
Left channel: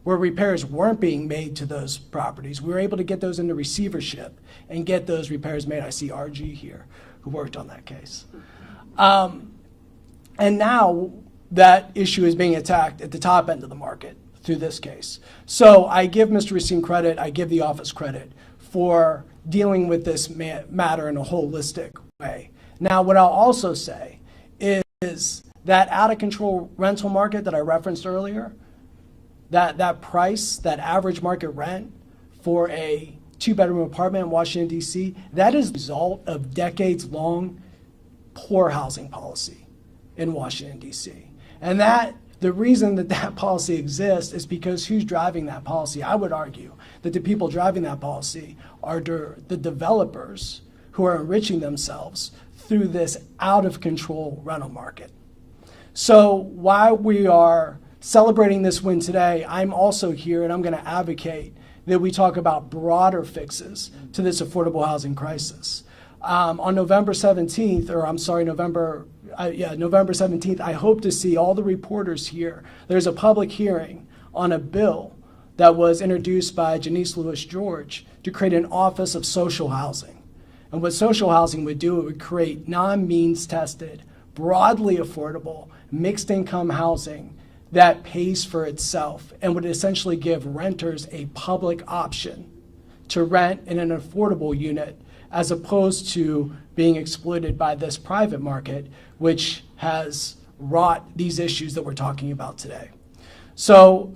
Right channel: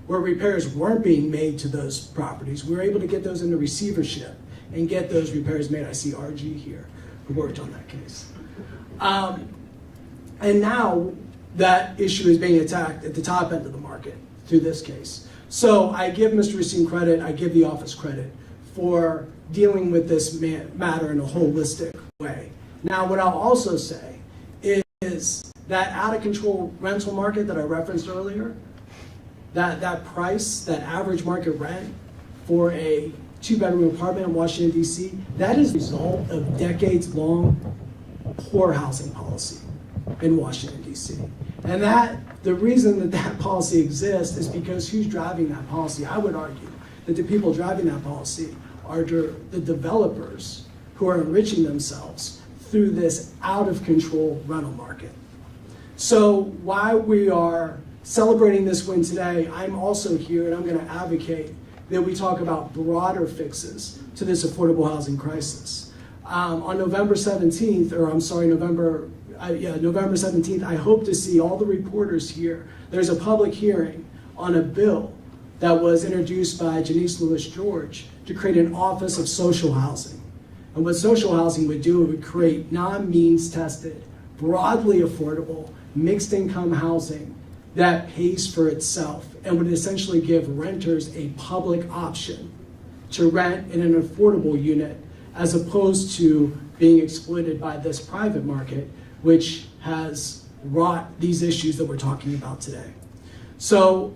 where repairs weren't being made to those properties. We were able to get those into receivership and get those repairs made. I see RG here who worked on that case. And now that issue is being attacked at the top end of the market through this case. So I give Mr. Racine credit, I give the office credit for dealing with this matter in a holistic way. Now, what I'll also say is that out-of-control rental market that I referenced earlier, that price, that average market rent for a 2-bedroom apartment in Washington, D.C., that is a result of decades-long poor housing policy in Washington, D.C. And the reason that policy exists is because who's driving that policy? I would argue that the people driving that policy are the developers who are enriching themselves through this out-of-control rental market. So while we are celebrating this win today, I'm also here and I'm going to advocate that we talk about broader fixes to this affordable housing crisis. On November 17th, November 17th, I hope to see all the reporters here. There's a public hearing on a bill that was introduced by Janice Lewis George to create an office of social housing. And what social housing would do, it would create non-means tested, broadly affordable, mixed income housing that pays for itself and would essentially give renters a public option to rent in an affordable unit as opposed to being exploited by this private market, which has wrought these issues that we're talking about today. So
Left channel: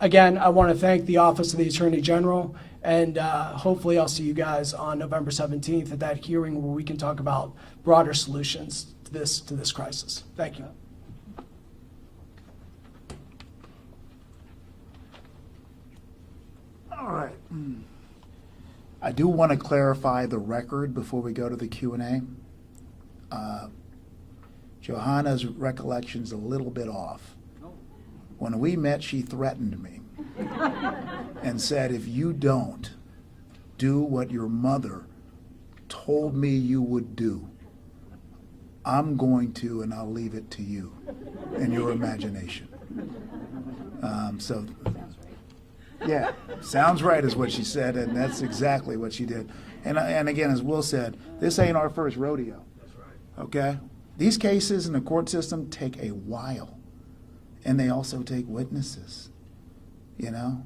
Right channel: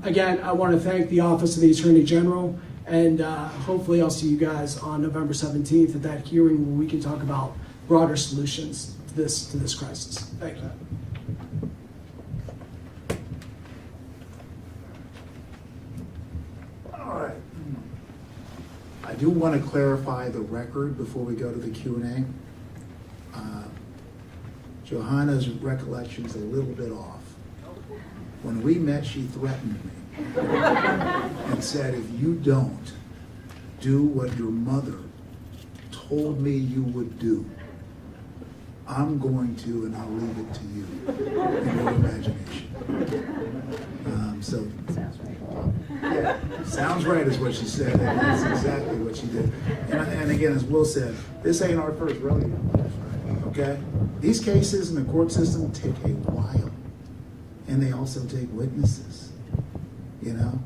again, I want to thank the Office of the Attorney General, and hopefully I'll see you guys on November 17th at that hearing where we can talk about broader solutions to this crisis. Thank you. All right. I do want to clarify the record before we go to the Q&A. Johanna's recollection's a little bit off. When we met, she threatened me and said, if you don't do what your mother told me you would do, I'm going to, and I'll leave it to you and your imagination. Yeah, sounds right is what she said, and that's exactly what she did. And again, as Will said, this ain't our first rodeo, okay? These cases in the court system take a while, and they also take witnesses, you know?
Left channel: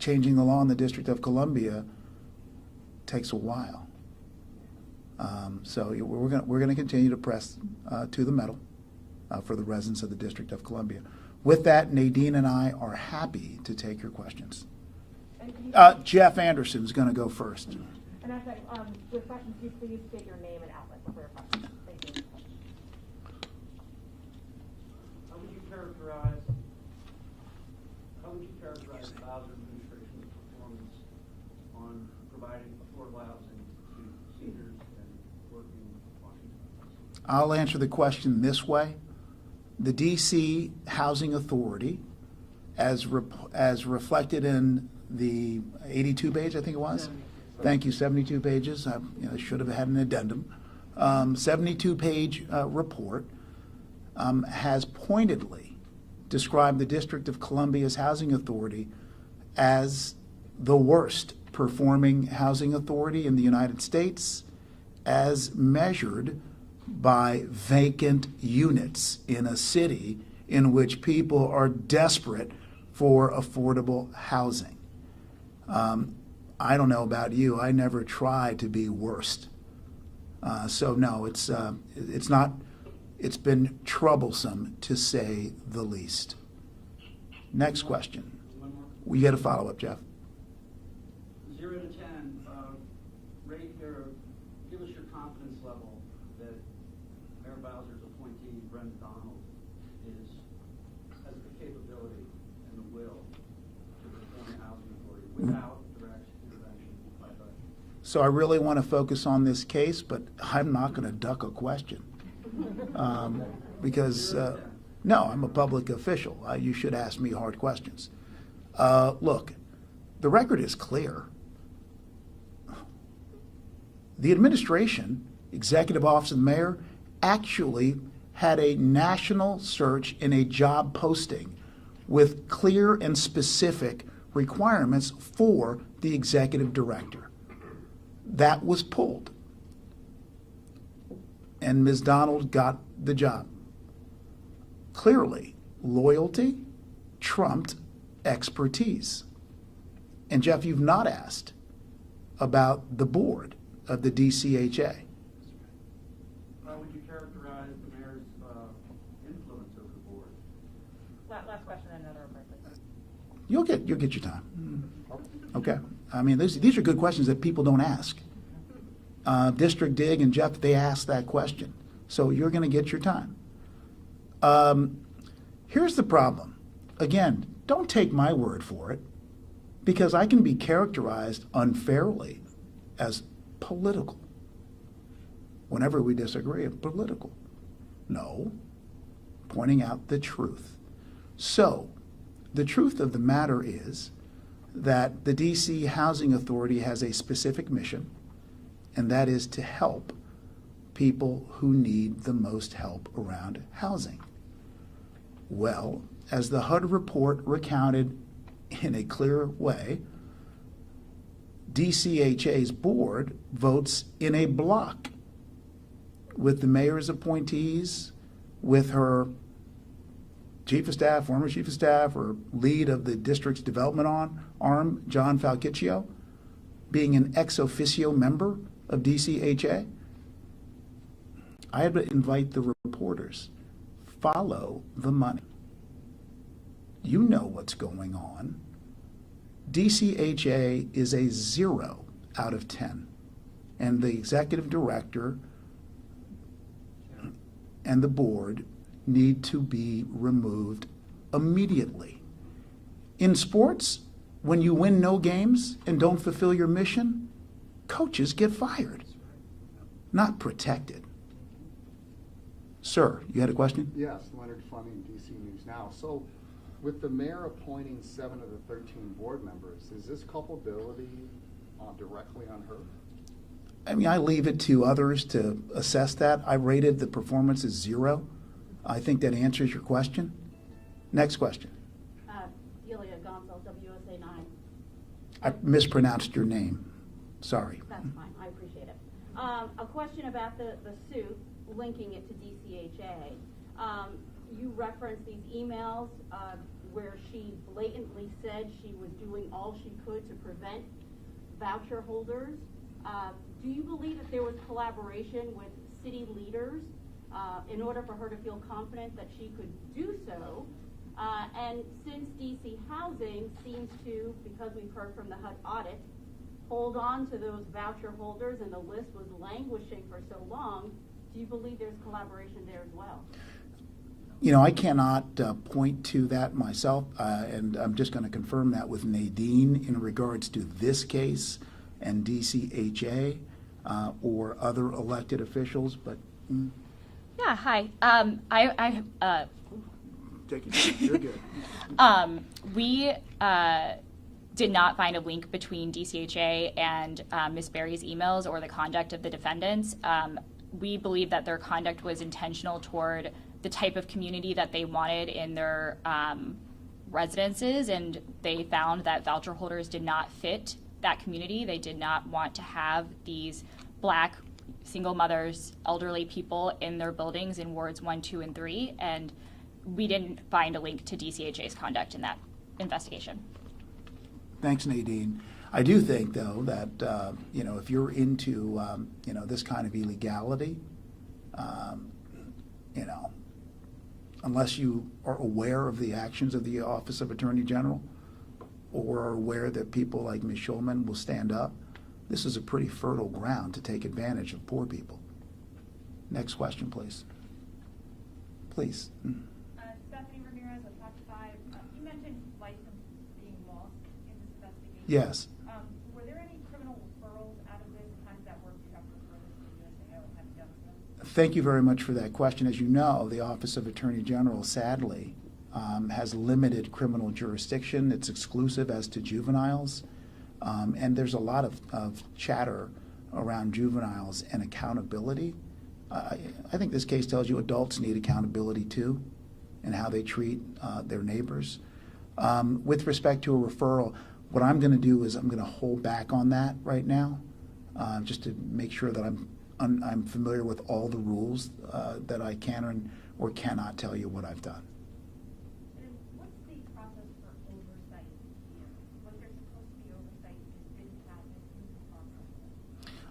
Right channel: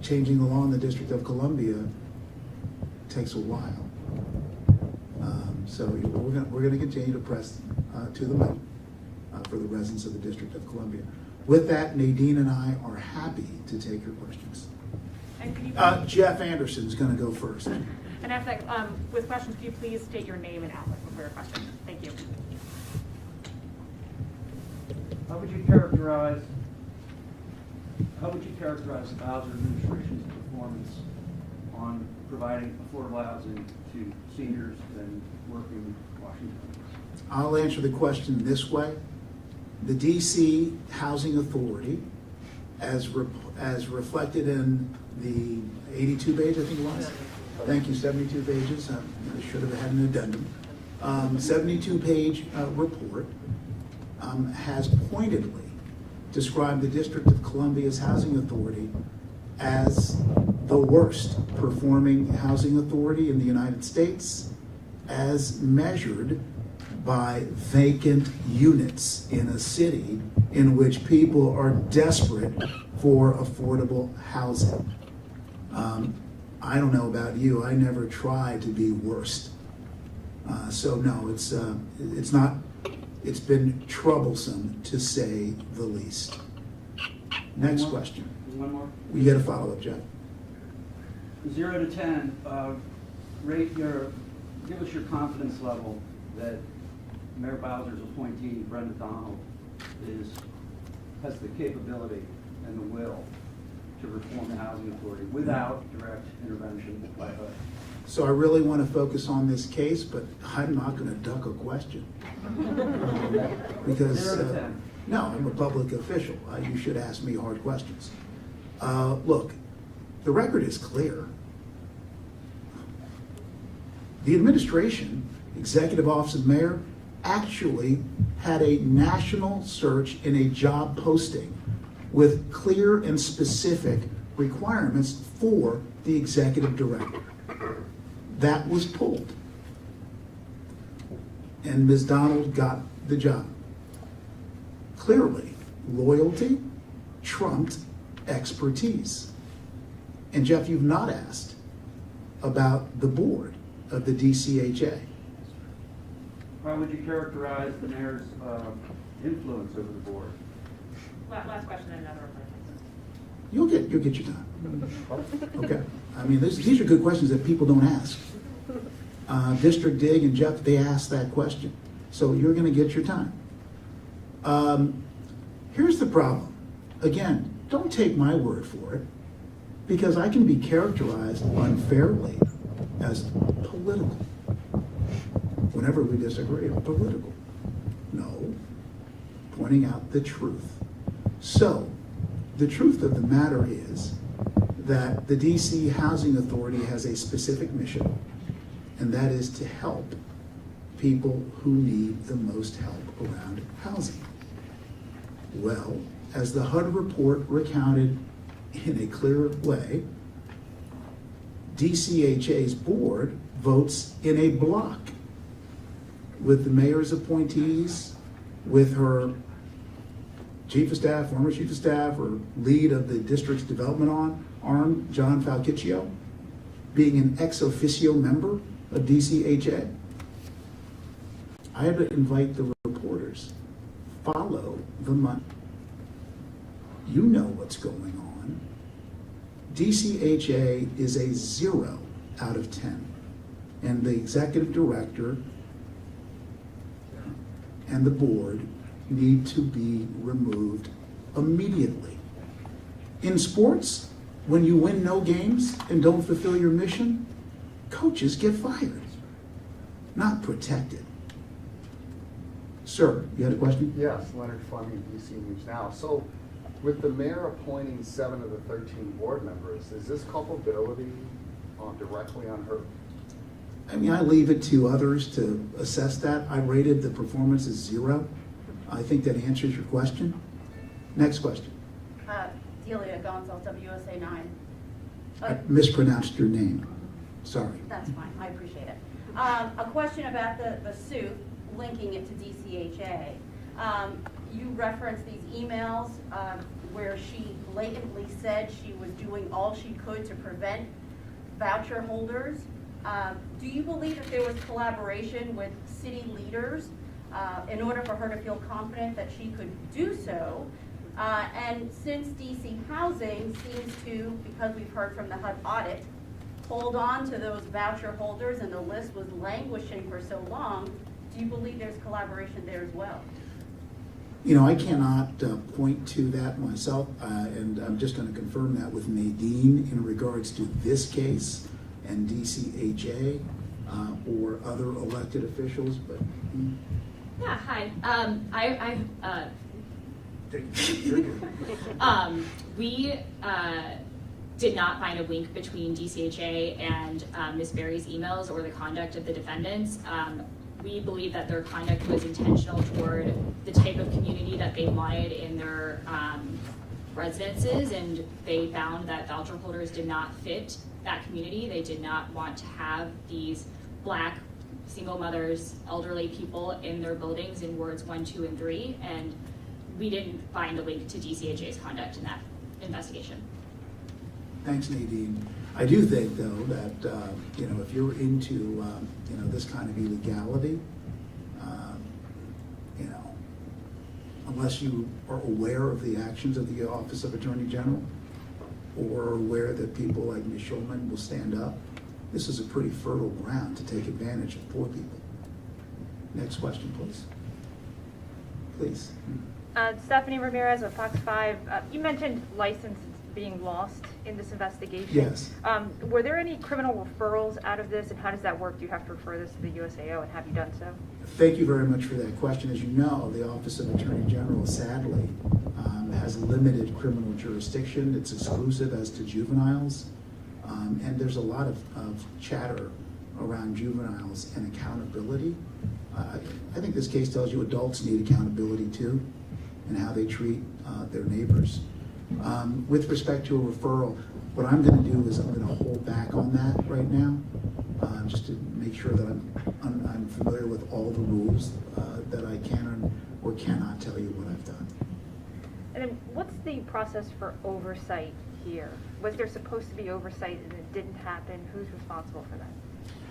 Changing the law in the District of Columbia takes a while. So we're gonna continue to press to the metal for the residents of the District of Columbia. With that, Nadine and I are happy to take your questions. Jeff Anderson is going to go first. And after that, with questions, could you please state your name and outlet for your question? Thank you. How would you characterize the Bowser administration's performance on providing affordable housing to seniors and working Washingtonians? I'll answer the question this way. The DC Housing Authority, as reflected in the 82 page, I think it was. Thank you, 72 pages. I should have had an addendum. 72-page report has pointedly described the District of Columbia's housing authority as the worst performing housing authority in the United States, as measured by vacant units in a city in which people are desperate for affordable housing. I don't know about you, I never tried to be worst. So no, it's not, it's been troublesome to say the least. Next question. One more. We get a follow-up, Jeff. 0 to 10, give us your confidence level that Mayor Bowser's appointee, Brenda Donald, has the capability and the will to reform the housing authority without direct intervention by HUD. So I really want to focus on this case, but I'm not going to duck a question. Because, 0 to 10. no, I'm a public official. You should ask me hard questions. Look, the record is clear. The administration, Executive Office of the Mayor, actually had a national search in a job posting with clear and specific requirements for the executive director. That was pulled. And Ms. Donald got the job. Clearly, loyalty trumped expertise. And Jeff, you've not asked about the board of the DCHA. How would you characterize the mayor's influence over the board? Last question and another person. You'll get your time. Okay. I mean, these are good questions that people don't ask. District Dig and Jeff, they asked that question. So you're going to get your time. Here's the problem. Again, don't take my word for it, because I can be characterized unfairly as political. Whenever we disagree, political. No, pointing out the truth. So, the truth of the matter is that the DC Housing Authority has a specific mission, and that is to help people who need the most help around housing. Well, as the HUD report recounted in a clear way, DCHA's board votes in a block with the mayor's appointees, with her chief of staff, former chief of staff, or lead of the district's development arm, John Falciccio, being an ex officio member of DCHA. I would invite the reporters, follow the money. You know what's going on. DCHA is a 0 out of 10. And the executive director and the board need to be removed immediately. In sports, when you win no games and don't fulfill your mission, coaches get fired, not protected. Sir, you had a question? Yes, Leonard Fleming, DC News Now. So, with the mayor appointing 7 of the 13 board members, is this culpability directly on her? I mean, I leave it to others to assess that. I rated the performance as 0. I think that answers your question. Next question. Delia Gonzalez, WSA 9. I mispronounced your name. Sorry. That's fine, I appreciate it. A question about the suit, linking it to DCHA. You referenced these emails where she blatantly said she was doing all she could to prevent voucher holders. Do you believe that there was collaboration with city leaders in order for her to feel confident that she could do so? And since DC Housing seems to, because we've heard from the HUD audit, hold on to those voucher holders and the list was languishing for so long, do you believe there's collaboration there as well? You know, I cannot point to that myself, and I'm just going to confirm that with Nadine in regards to this case and DCHA or other elected officials, but. Yeah, hi. You're good. We did not find a link between DCHA and Ms. Berry's emails or the conduct of the defendants. We believe that their conduct was intentional toward the type of community that they wanted in their residences, and they found that voucher holders did not fit that community. They did not want to have these Black single mothers, elderly people in their buildings in wards 1, 2, and 3, and we didn't find a link to DCHA's conduct in that investigation. Thanks, Nadine. I do think, though, that you know, if you're into you know, this kind of illegality, you know, unless you are aware of the actions of the Office of Attorney General or aware that people like Ms. Schulman will stand up, this is a pretty fertile ground to take advantage of poor people. Next question, please. Please. Stephanie Ramirez with Fox 5. You mentioned license being lost in this investigation. Yes. Were there any criminal referrals out of this, and how does that work? Do you have to refer this to the USAO, and have you done so? Thank you very much for that question. As you know, the Office of Attorney General, sadly, has limited criminal jurisdiction. It's exclusive as to juveniles. And there's a lot of chatter around juveniles and accountability. I think this case tells you adults need accountability too, and how they treat their neighbors. With respect to a referral, what I'm going to do is I'm going to hold back on that right now, just to make sure that I'm familiar with all the rules that I can or cannot tell you what I've done. And then what's the process for oversight here? Was there supposed to be oversight and it didn't happen? Who's responsible for that?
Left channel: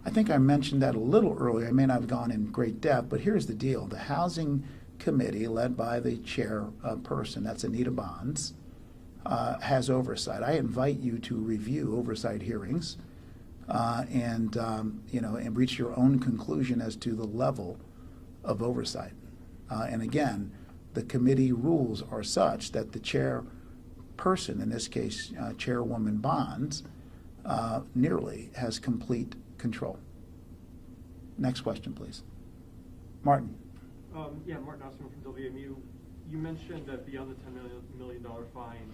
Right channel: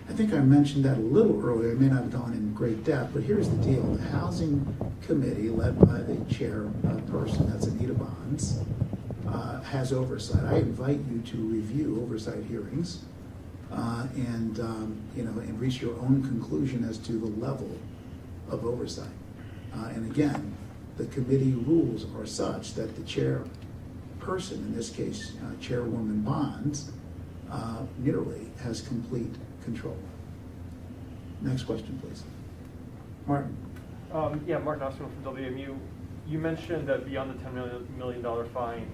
I think I mentioned that a little earlier. I may not have gone in great depth, but here's the deal. The Housing Committee, led by the chairperson, that's Anita Bonds, has oversight. I invite you to review oversight hearings and you know, and reach your own conclusion as to the level of oversight. And again, the committee rules are such that the chairperson, in this case, Chairwoman Bonds, nearly has complete control. Next question, please. Martin. Yeah, Martin Osterman from WMU. You mentioned that beyond the $10 million fine,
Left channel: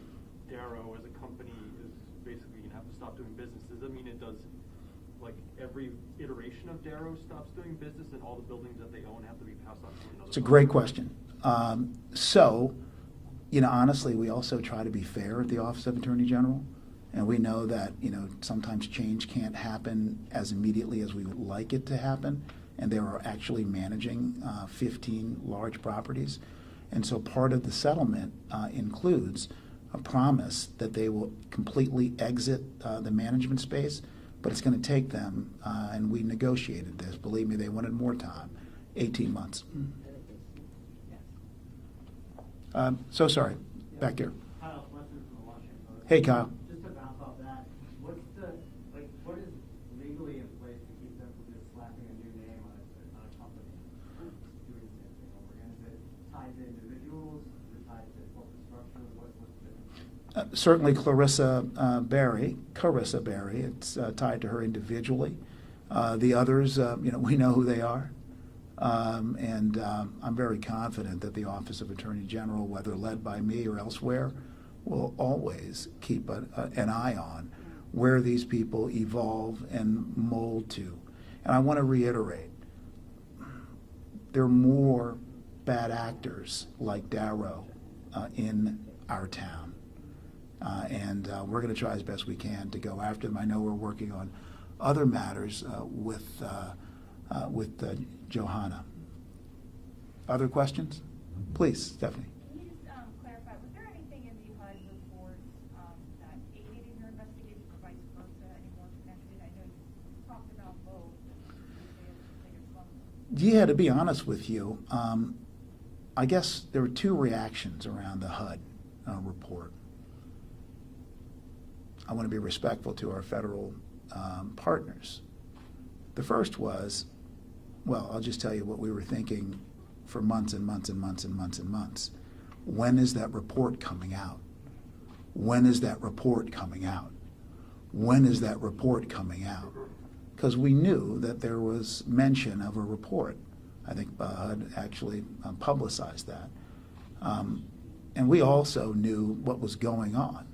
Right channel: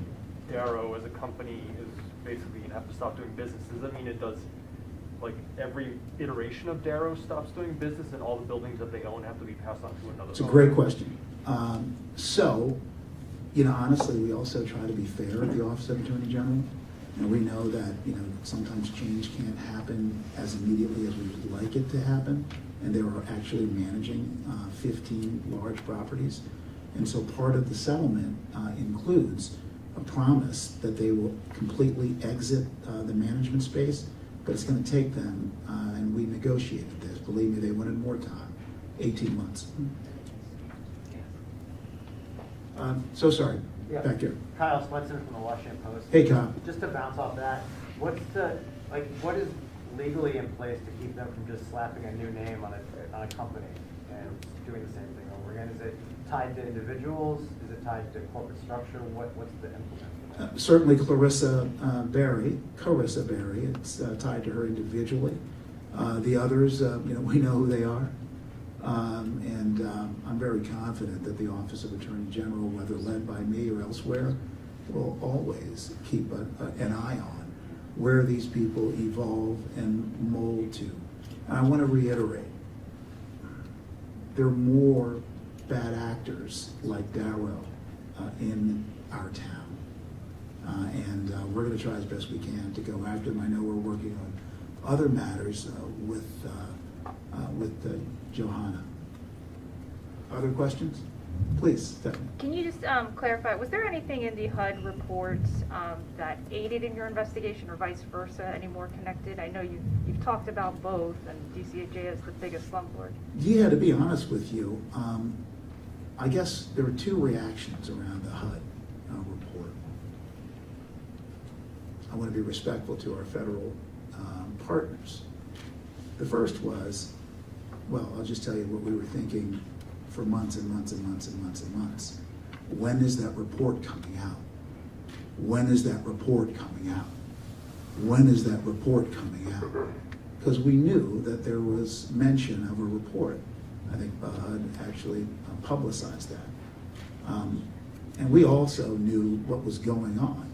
Darrow as a company is basically going to have to stop doing business. Does that mean it does, like, every iteration of Darrow stops doing business and all the buildings that they own have to be passed on to another? It's a great question. So You know, honestly, we also try to be fair at the Office of Attorney General, and we know that, you know, sometimes change can't happen as immediately as we would like it to happen, and they were actually managing 15 large properties. And so part of the settlement includes a promise that they will completely exit the management space, but it's gonna take them, and we negotiated this, believe me, they wanted more time, 18 months. So sorry, Yeah. back here. Kyle Smutson from the Washington Post. Hey, Kyle. Just to bounce off that, what is legally in place to keep them from just slapping a new name on a company and doing the same thing over again? Is it tied to individuals? Is it tied to corporate structure? What's the implement? Certainly Carissa Berry, it's tied to her individually. The others, you know, we know who they are. And I'm very confident that the Office of Attorney General, whether led by me or elsewhere, will always keep an eye on where these people evolve and mold to. And I want to reiterate, there are more bad actors like Darrow in our town. And we're going to try as best we can to go after them. I know we're working on other matters with Johanna. Other questions? Please, Stephanie. Can you just clarify, was there anything in the HUD reports that aided in your investigation or vice versa, any more connected? I know you've talked about both, and DCHA is the biggest slum lord. Yeah, to be honest with you, I guess there were two reactions around the HUD report. I want to be respectful to our federal partners. The first was, well, I'll just tell you what we were thinking for months and months and months and months and months. When is that report coming out? When is that report coming out? When is that report coming out? Because we knew that there was mention of a report. I think HUD actually publicized that. And we also knew what was going on.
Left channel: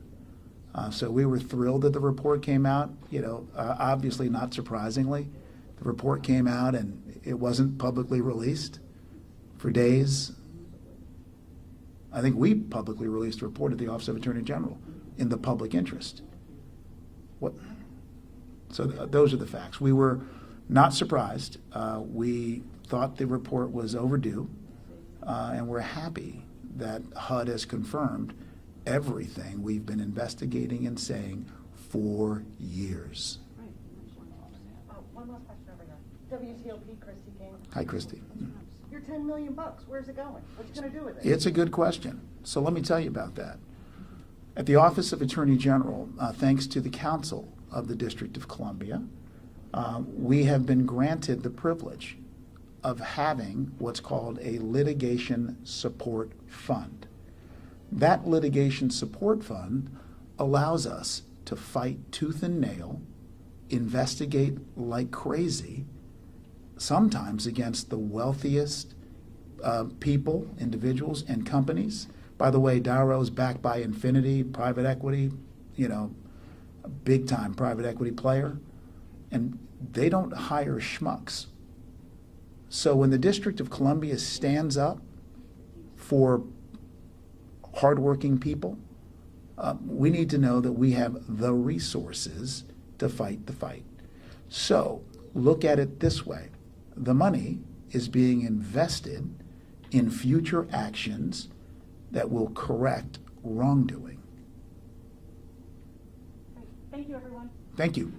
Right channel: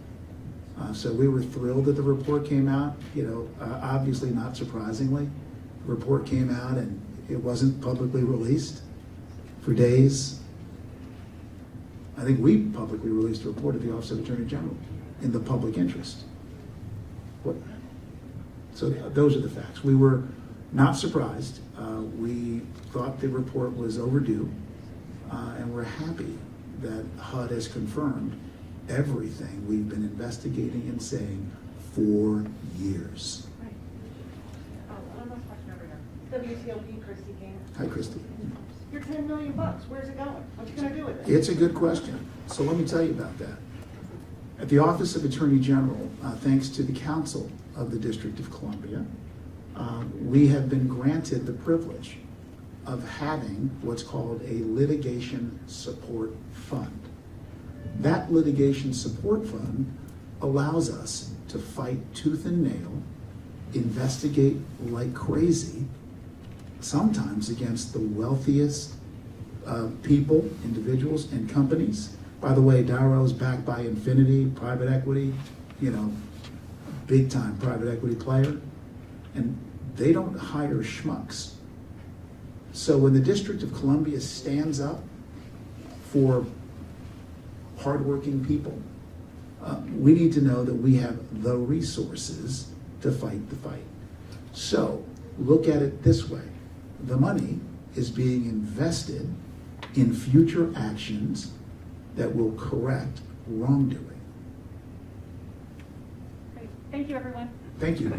So we were thrilled that the report came out. You know, obviously not surprisingly, the report came out and it wasn't publicly released for days. I think we publicly released a report at the Office of Attorney General in the public interest. So those are the facts. We were not surprised. We thought the report was overdue, and we're happy that HUD has confirmed everything we've been investigating and saying for years. One last question over here. WTOP, Christy King. Hi, Christy. Your $10 million, where's it going? What you gonna do with it? It's a good question. So let me tell you about that. At the Office of Attorney General, thanks to the Council of the District of Columbia, we have been granted the privilege of having what's called a litigation support fund. That litigation support fund allows us to fight tooth and nail, investigate like crazy, sometimes against the wealthiest people, individuals, and companies. By the way, Darrow's backed by Infinity, private equity, you know, big time private equity player. And they don't hire schmucks. So when the District of Columbia stands up for hardworking people, we need to know that we have the resources to fight the fight. So look at it this way. The money is being invested in future actions that will correct wrongdoing. Great. Thank you, everyone. Thank you.